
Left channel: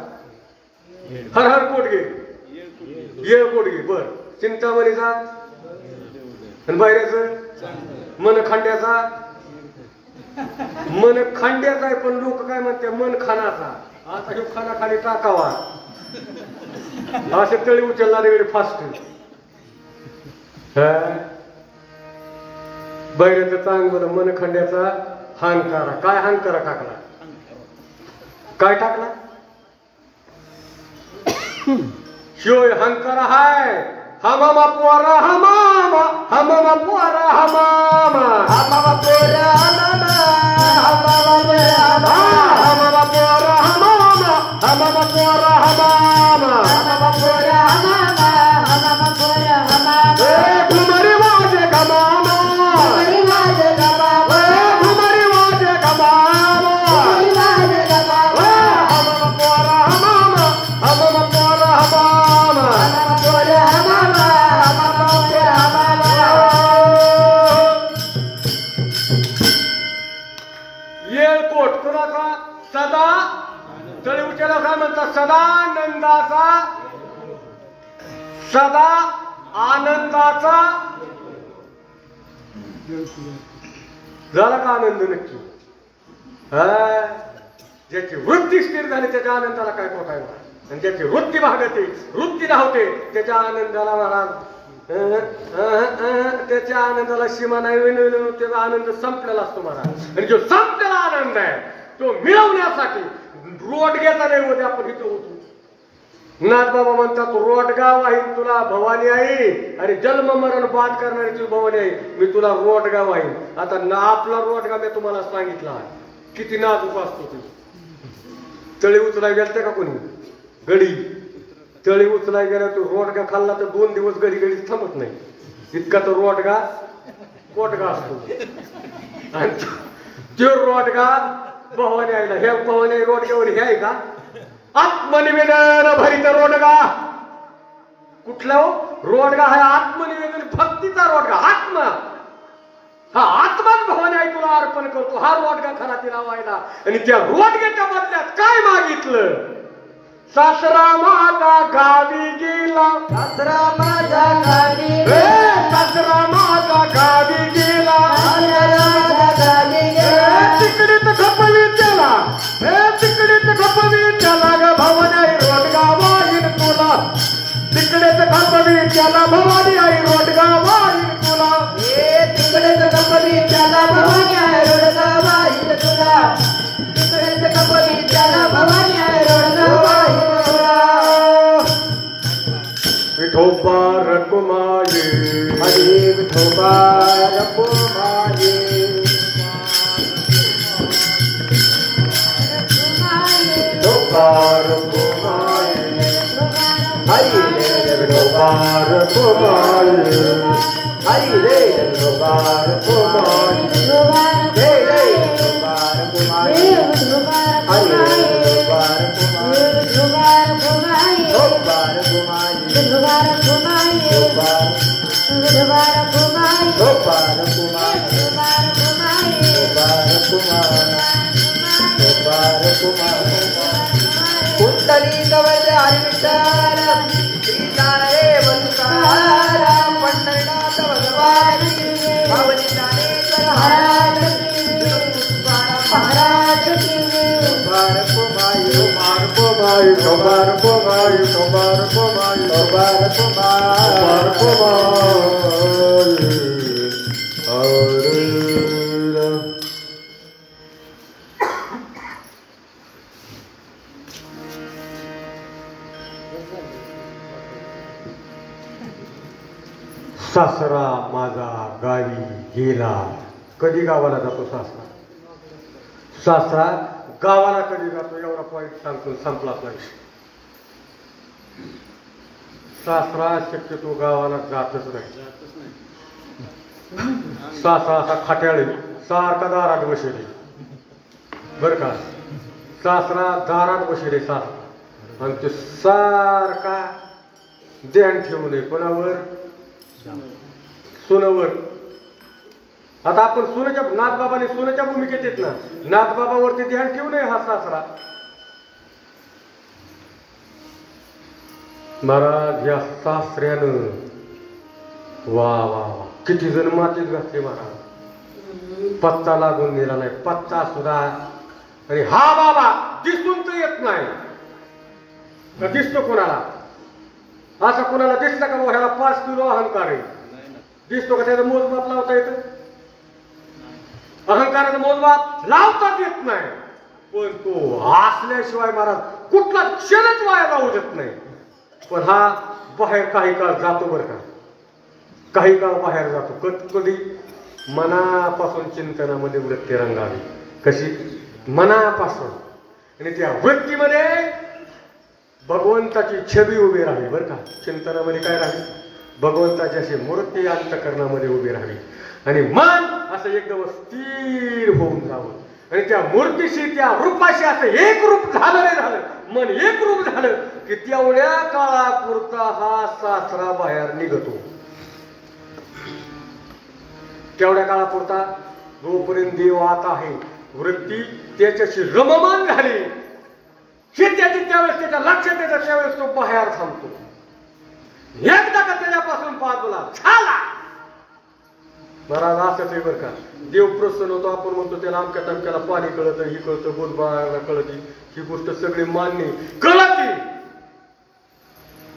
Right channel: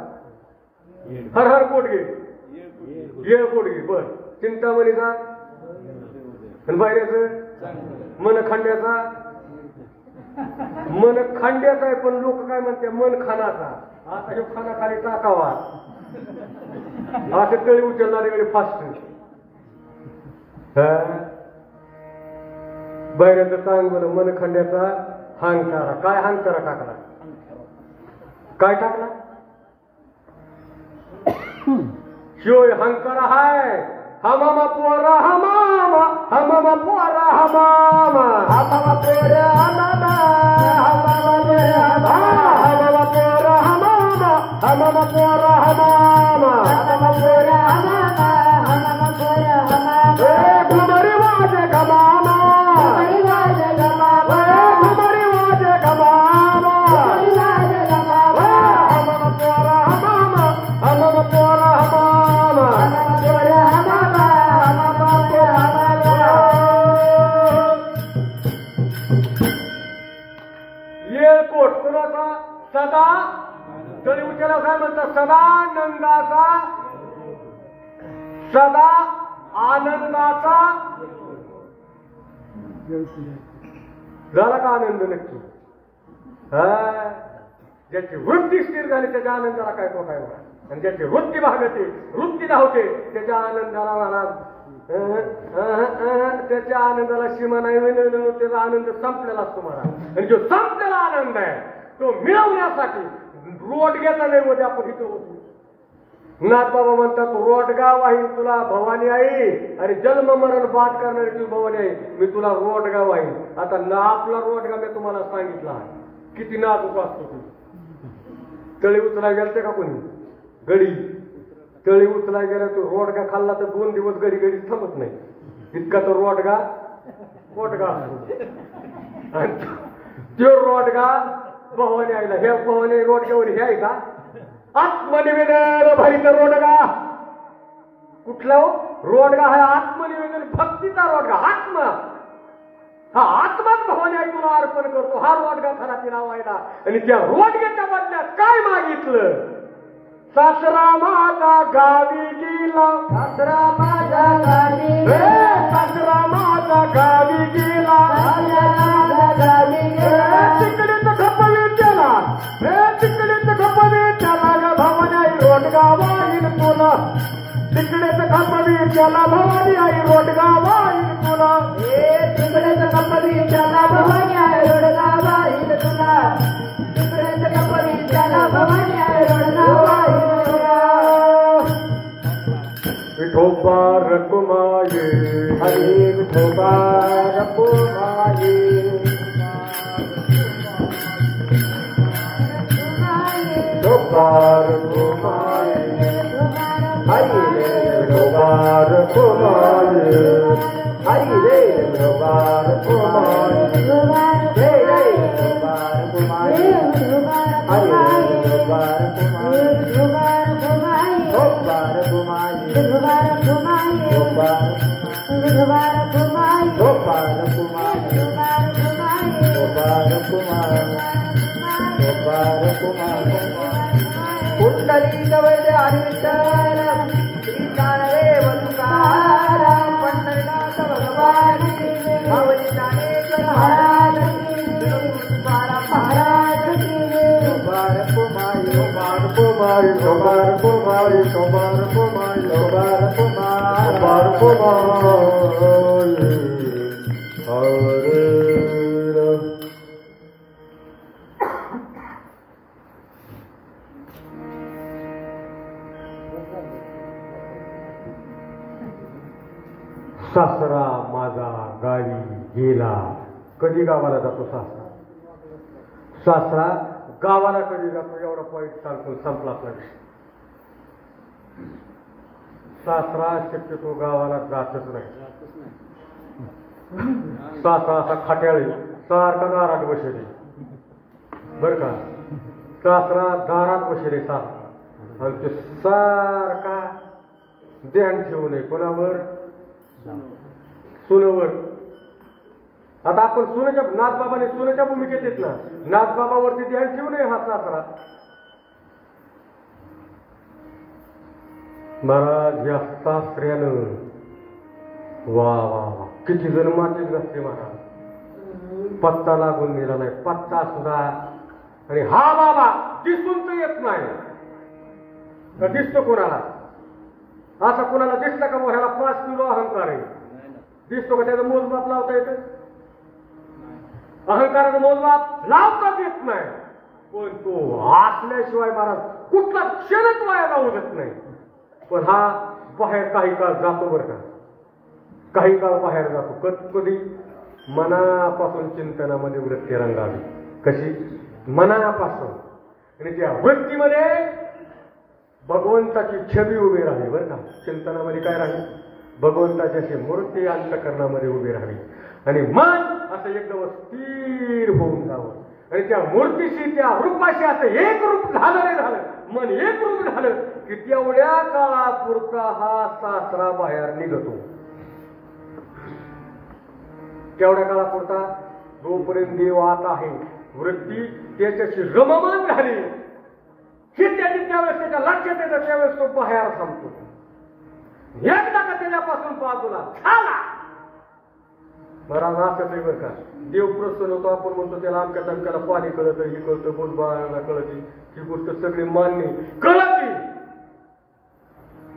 हर हर कोटगे, ये कोटगे. बर, चिंतामणीचा आणि बाहेरच मन खांड्याचा. मन खांड्याचा आहे पण लोक काय म्हणते मन खानाचा. आता हे खाना खाली टाकावा असे तळी उचलणारे वेळ फास्ट. बैराचं चांगलं मन खंड्याचा हांकारा. काय हांकारा टाकला? काय टाकला? शिवय हांकारा हाय. हमामा पोरा हमामा, हमामा पोरा हमामा, हमामा पोरा हमामा, हमामा पोरा हमामा, हमामा पोरा हमामा, हमामा पोरा हमामा, हमामा पोरा हमामा, हमामा पोरा हमामा. ए घुमरी वाजे गमामा, घुमरी वाजे गमामा, ए घुमरी वाजे गमामा, घुमरी वाजे गमामा. हमामा पोरा हमामा, हमामा पोरा हमामा, हमामा पोरा हमामा, हमामा पोरा हमामा. येळकोट कुणाचा? सदा तळी उचलला काय म्हणतात? सदानंदाचा, सदा आनंदाचा. झाला का आनंद नक्की? ज्याची वृत्ती स्थिर झाली त्याच्या आनंदाला काय पोट आहे? आणि ज्याची वृत्ती भागते, वृत्ती धावते, त्याच्या आनंदाला महाराज त्याच्या आनंदाला सीमा नाही. त्याचा आनंद संपलेला असतो महाराज. आणि जो संपलेला आनंद आहे तो मिळवण्यासाठी रोडग्याचा नैवेद्य आपण इथं होतो. नाथ बाबा म्हणतात रोडगा वाहीन तुला भवानी आई, आणि जन्म मरण बाद करणारी तुझी भवानी आई, मी तुला रोडगा वाहीन. आता ना आपला रोडगा मी तुम्हाला सांगितला किती नाजूक असतो. तू तळी उचलाय गेलते का कोणी? गडी तळी उचलाय गेला तो रोडगा खाल्ला तर 2 दिवस गडी गडी थांबत नाही. इतका तो रोडगा कोटगा असतो. आणि तो रोडगा भवानी आहे ना, हे भवानी रोडग्यावर हे आहे का? आत्मनिवेदन भरित रोडगा. कुठला हो रोडगा? हा आत्मनिवेदन भक्तीचा रोडगा. आत्मा हा आत्माच भवानी आई तुला अर्पण करतो. हा रोडगा खरा तिला व्हायला. आणि त्या रोडग्याच्या बदल्यात काय मागितलं? सासरा माझा गावी गेला, सासरा माझा गावी गेला, सासरा माझा गावी गेला, तिकडे तर खपवी त्याला, तिकडे तर खपवी त्याला ग भवानी आई रोडगा वाहीन तुला, तिकडे तर खपवी त्याला भवानी आई रोडगा वाहीन तुला, तिकडे तर खपवी त्याला भवानी आई रोडगा वाहीन तुला, तिकडे तर खपवी त्याला भवानी आई रोडगा वाहीन. विठोबा रकुमाये, हरी विठोबा रकुमाये, विठोबा रकुमाये, हरी रे विठोबा रकुमाये, हरी रे विठोबा रकुमाये, हे रे विठोबा रकुमाये, हरी रे विठोबा रकुमाये, विठोबा रकुमाये, कुंडली कवच हरी विठ्ठल, सासरा माझा गावी गेला. कधी गावाला जातो सासरा? सासरा गावाला कधी जातो एवढा पॉईंट सांगतो, संपला आपला विषय. सासरा शक्यतो गावाला जातच नाही. सासरा असा खाट्याळी सारखा दारात बसले बर का. सासरा दारात बसले सासरा आणि ते सारखा ध्यान ठेवू नये कोणावर? सुनवर. आता आपण सुनेच्या नाथबाबाने सुनेच्या भूमिकेत येत ना, नाथबाबावरती ध्यान ठेवू नये हा सासरा. महाराज या सासऱ्यानं वा वा किती जण मातीत घातले महाराज. पत्ता लागून गेला नाही, पत्ता सुद्धा. आणि हा बाबा दिसून तर येत नाही का? दिसतो कोणाला? असा कोणाला दिसतं का ह्याला 5 किलो अहंकार आहे? दिसतो का? त्याचं मोजमाप लावता येतं? अहंकाराचं मोजमाप लावताच येत नाही. पण तो हसल्याशिवाय महाराज कुठला क्षणच वाया जाऊ देत नाही. पण हा बाहेर काही काळ जातो बरं का, काही काळ बाहेर जातो. कधी मनापासून चिंतनामध्ये वृत्ती रंगावी. कशी? मनापासून. आणि त्या वृत्तीमध्ये भगवंताची छबी उभी राहावी बरं का. चिंतनामध्ये काय राहावी? भगवंताची अशी मूर्ती अंतःकरणामध्ये उभी राहावी. आणि मन असं एकदम स्थिर होऊन जावं. आणि त्या मूर्तीशी त्या रूपाशी असं एक रूप झालं रे झालं, मन एक रूप झालं की तेवढ्या काळापुरता हा सासरा बाहेर निघतो. तेवढ्या काळापुरता जोपर्यंत देव आत आहे वृत्ती त्याच्याशी रममान झाली हे त्याची त्यावेळेस त्याच्या लक्षात येतं, त्यावेळेस तो बाहेर थांबतो. एकदा का त्याच्यापासून बाजूला झाला महाराज असंच आहे बरं का. देव प्रसन्न होतो. आपण म्हणतो त्याला अमक्या तमक्याला पाणी कळत, ही कळतं, बोलबाळाला कळती, ही गोष्ट सगळी मान्य कळती.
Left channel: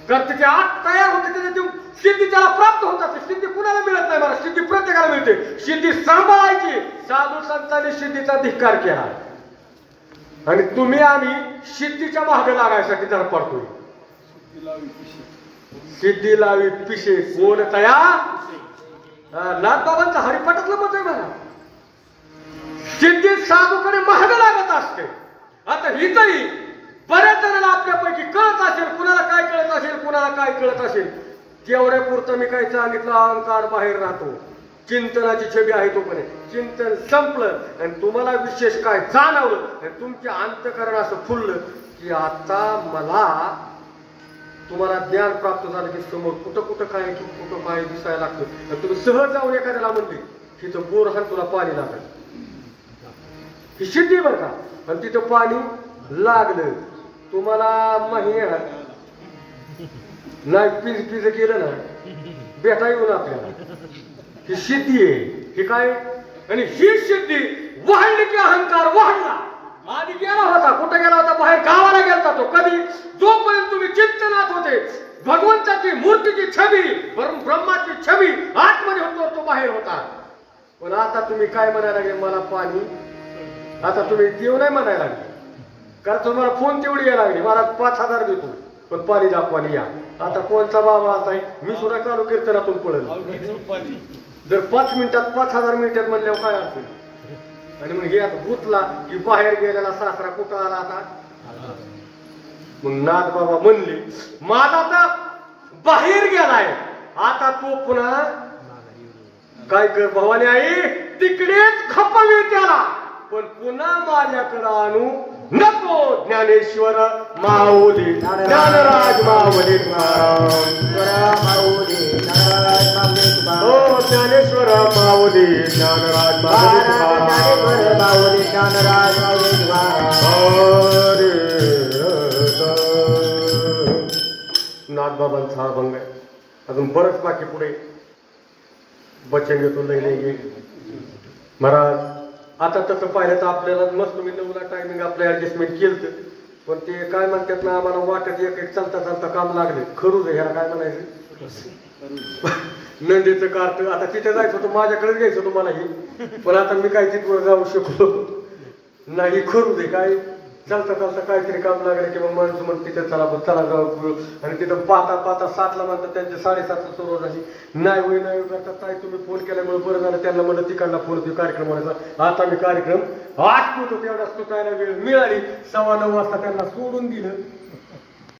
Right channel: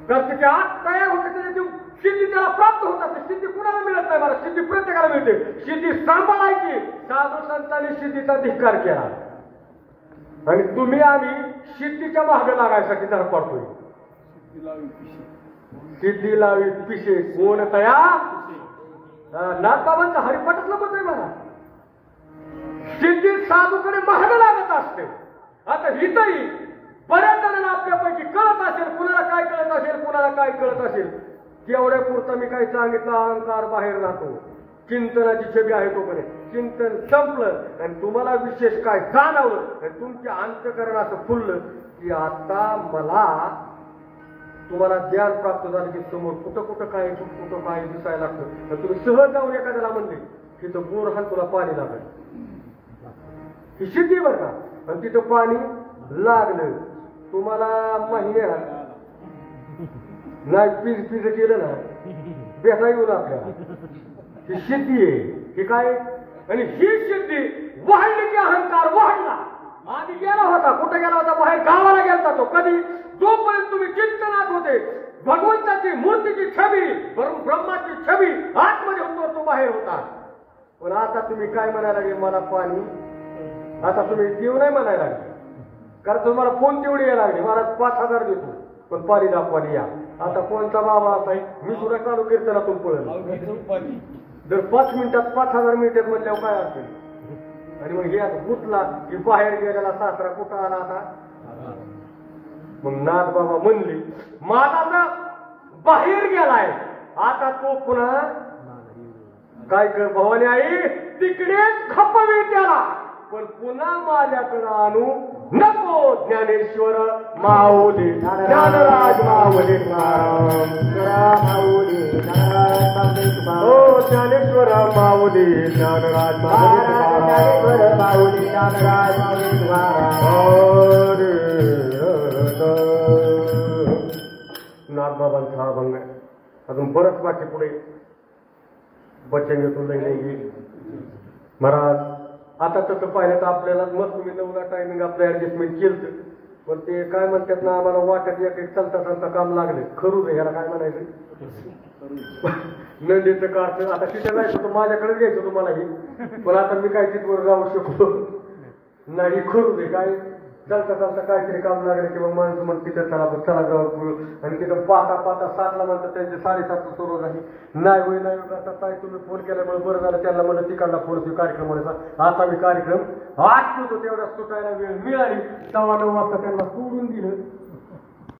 कारण ते आत तयार होते त्याच्या सिद्धी त्याला प्राप्त होत असते. सिद्धी कुणाला मिळत नाही मला, सिद्धी प्रत्येकाला मिळते. सिद्धी सांभाळायची. साधू संतांनी सिद्धीचा धिक्कार केला आणि तुम्ही आम्ही सिद्धीच्या मागे लागायसाठी त्याला पडतोय. सिद्धी लावी पिशे कोण तयार? नाथबाबांचं हरिपटातलं मत आहे मला. सिद्धी साधूकडे महाग लागत असते. आता इथंही बऱ्याच जणांना आपल्यापैकी कळत असेल, कुणाला काय कळत असेल, कुणाला काय कळत असेल. तेवढ्या पुरतं मी काही सांगितलं, अहंकार बाहेर राहतो, चिंतनाची छबी आहे तोपर्यंत. चिंतन संपलं आणि तुम्हाला विशेष काय जाणवलं, तुमचे अंतःकरण असं फुललं की आता मला तुम्हाला ज्ञान प्राप्त झालं की समोर कुठं कुठं काय की कुठं काय दिसायला लागतं. तुम्ही सहज जाऊन एखाद्याला म्हणले तिथं बोर हा तुला पाणी लागलं, ही सिद्धी बरं का. पण तिथं पाणी लागलं तुम्हाला महिना नाही पिज केलं ना भेटा येऊन आपल्याला. ही सिद्धी आहे. ही काय? आणि ही सिद्धी वाढली की अहंकार वाढला. आधी गेला होता, कुठे गेला होता? बाहेर गावाला गेला तो. कधी? जोपर्यंत तुम्ही चिंतनात होते, भगवंताची मूर्तीची छबी, ब्रह्माची छबी आतमध्ये होतो, तो बाहेर होता. पण आता तुम्ही काय म्हणायला लागले? मला पाणी. आता तुम्ही देव नाही म्हणायला लागले, कारण तुम्हाला फोन तेवढी यायला लागली, मला 5000 देतो पण पाणी दाखवानी या. आता कोणचा बाबा आहे? मी सुद्धा चालू कीर्तनातून पळेल. जर 5 मिनिटात 5000 मिनिटात म्हणल्यावर काय असेल? आणि मग हे आता गुतला की बाहेर गेलेला सासरा कुठं आला आता? मग नाथ बाबा म्हणले माझा आता बाहेर गेलाय, आता तो पुन्हा काय कर भवानी आई तिकडेच खपवे त्याला, पण पुन्हा माझ्याकडे आणू नको. ज्ञानेश्वर माऊली ज्ञानराज माऊली हो ज्ञानेश्वर माऊली ज्ञानराज माऊली नाथबाबांचा हा अभंग आहे. अजून बरंच बाकी पुढे बचन घेतो नाही महाराज. आता तसं पाहिलं तर आपल्याला मस्त मी 9ला टायमिंग आपलं ऍडजस्टमेंट केलं. पण ते काय म्हणतात ना आम्हाला वाटत एक एक चालता चालता काम लागले खरूच आहे ह्याला काय म्हणायचं नंदीचं कार्ट आता तिथे जायचं होतं माझ्याकडे घ्यायचं होतं मला ही पण आता मी काय तिथवर जाऊ शकलो नाही खरूच आहे काय चालता चालता काहीतरी काम लागले की मग माणसं म्हणते तिथे चला चला जाऊ आणि तिथं पाहता पाहता 7ला म्हणतात त्यांचे 7:30ला सुरुवात झाली नाही होई नाही होई आता काय तुम्ही फोन केल्यामुळे बरं झालं त्यांना म्हणलं तिकडला फोन होती कार्यक्रम म्हणायचा आता मी कार्यक्रम आठवतो तेवढा सुटायला वेळ मिळाली 9:15 वाजता त्यांना सोडून दिलं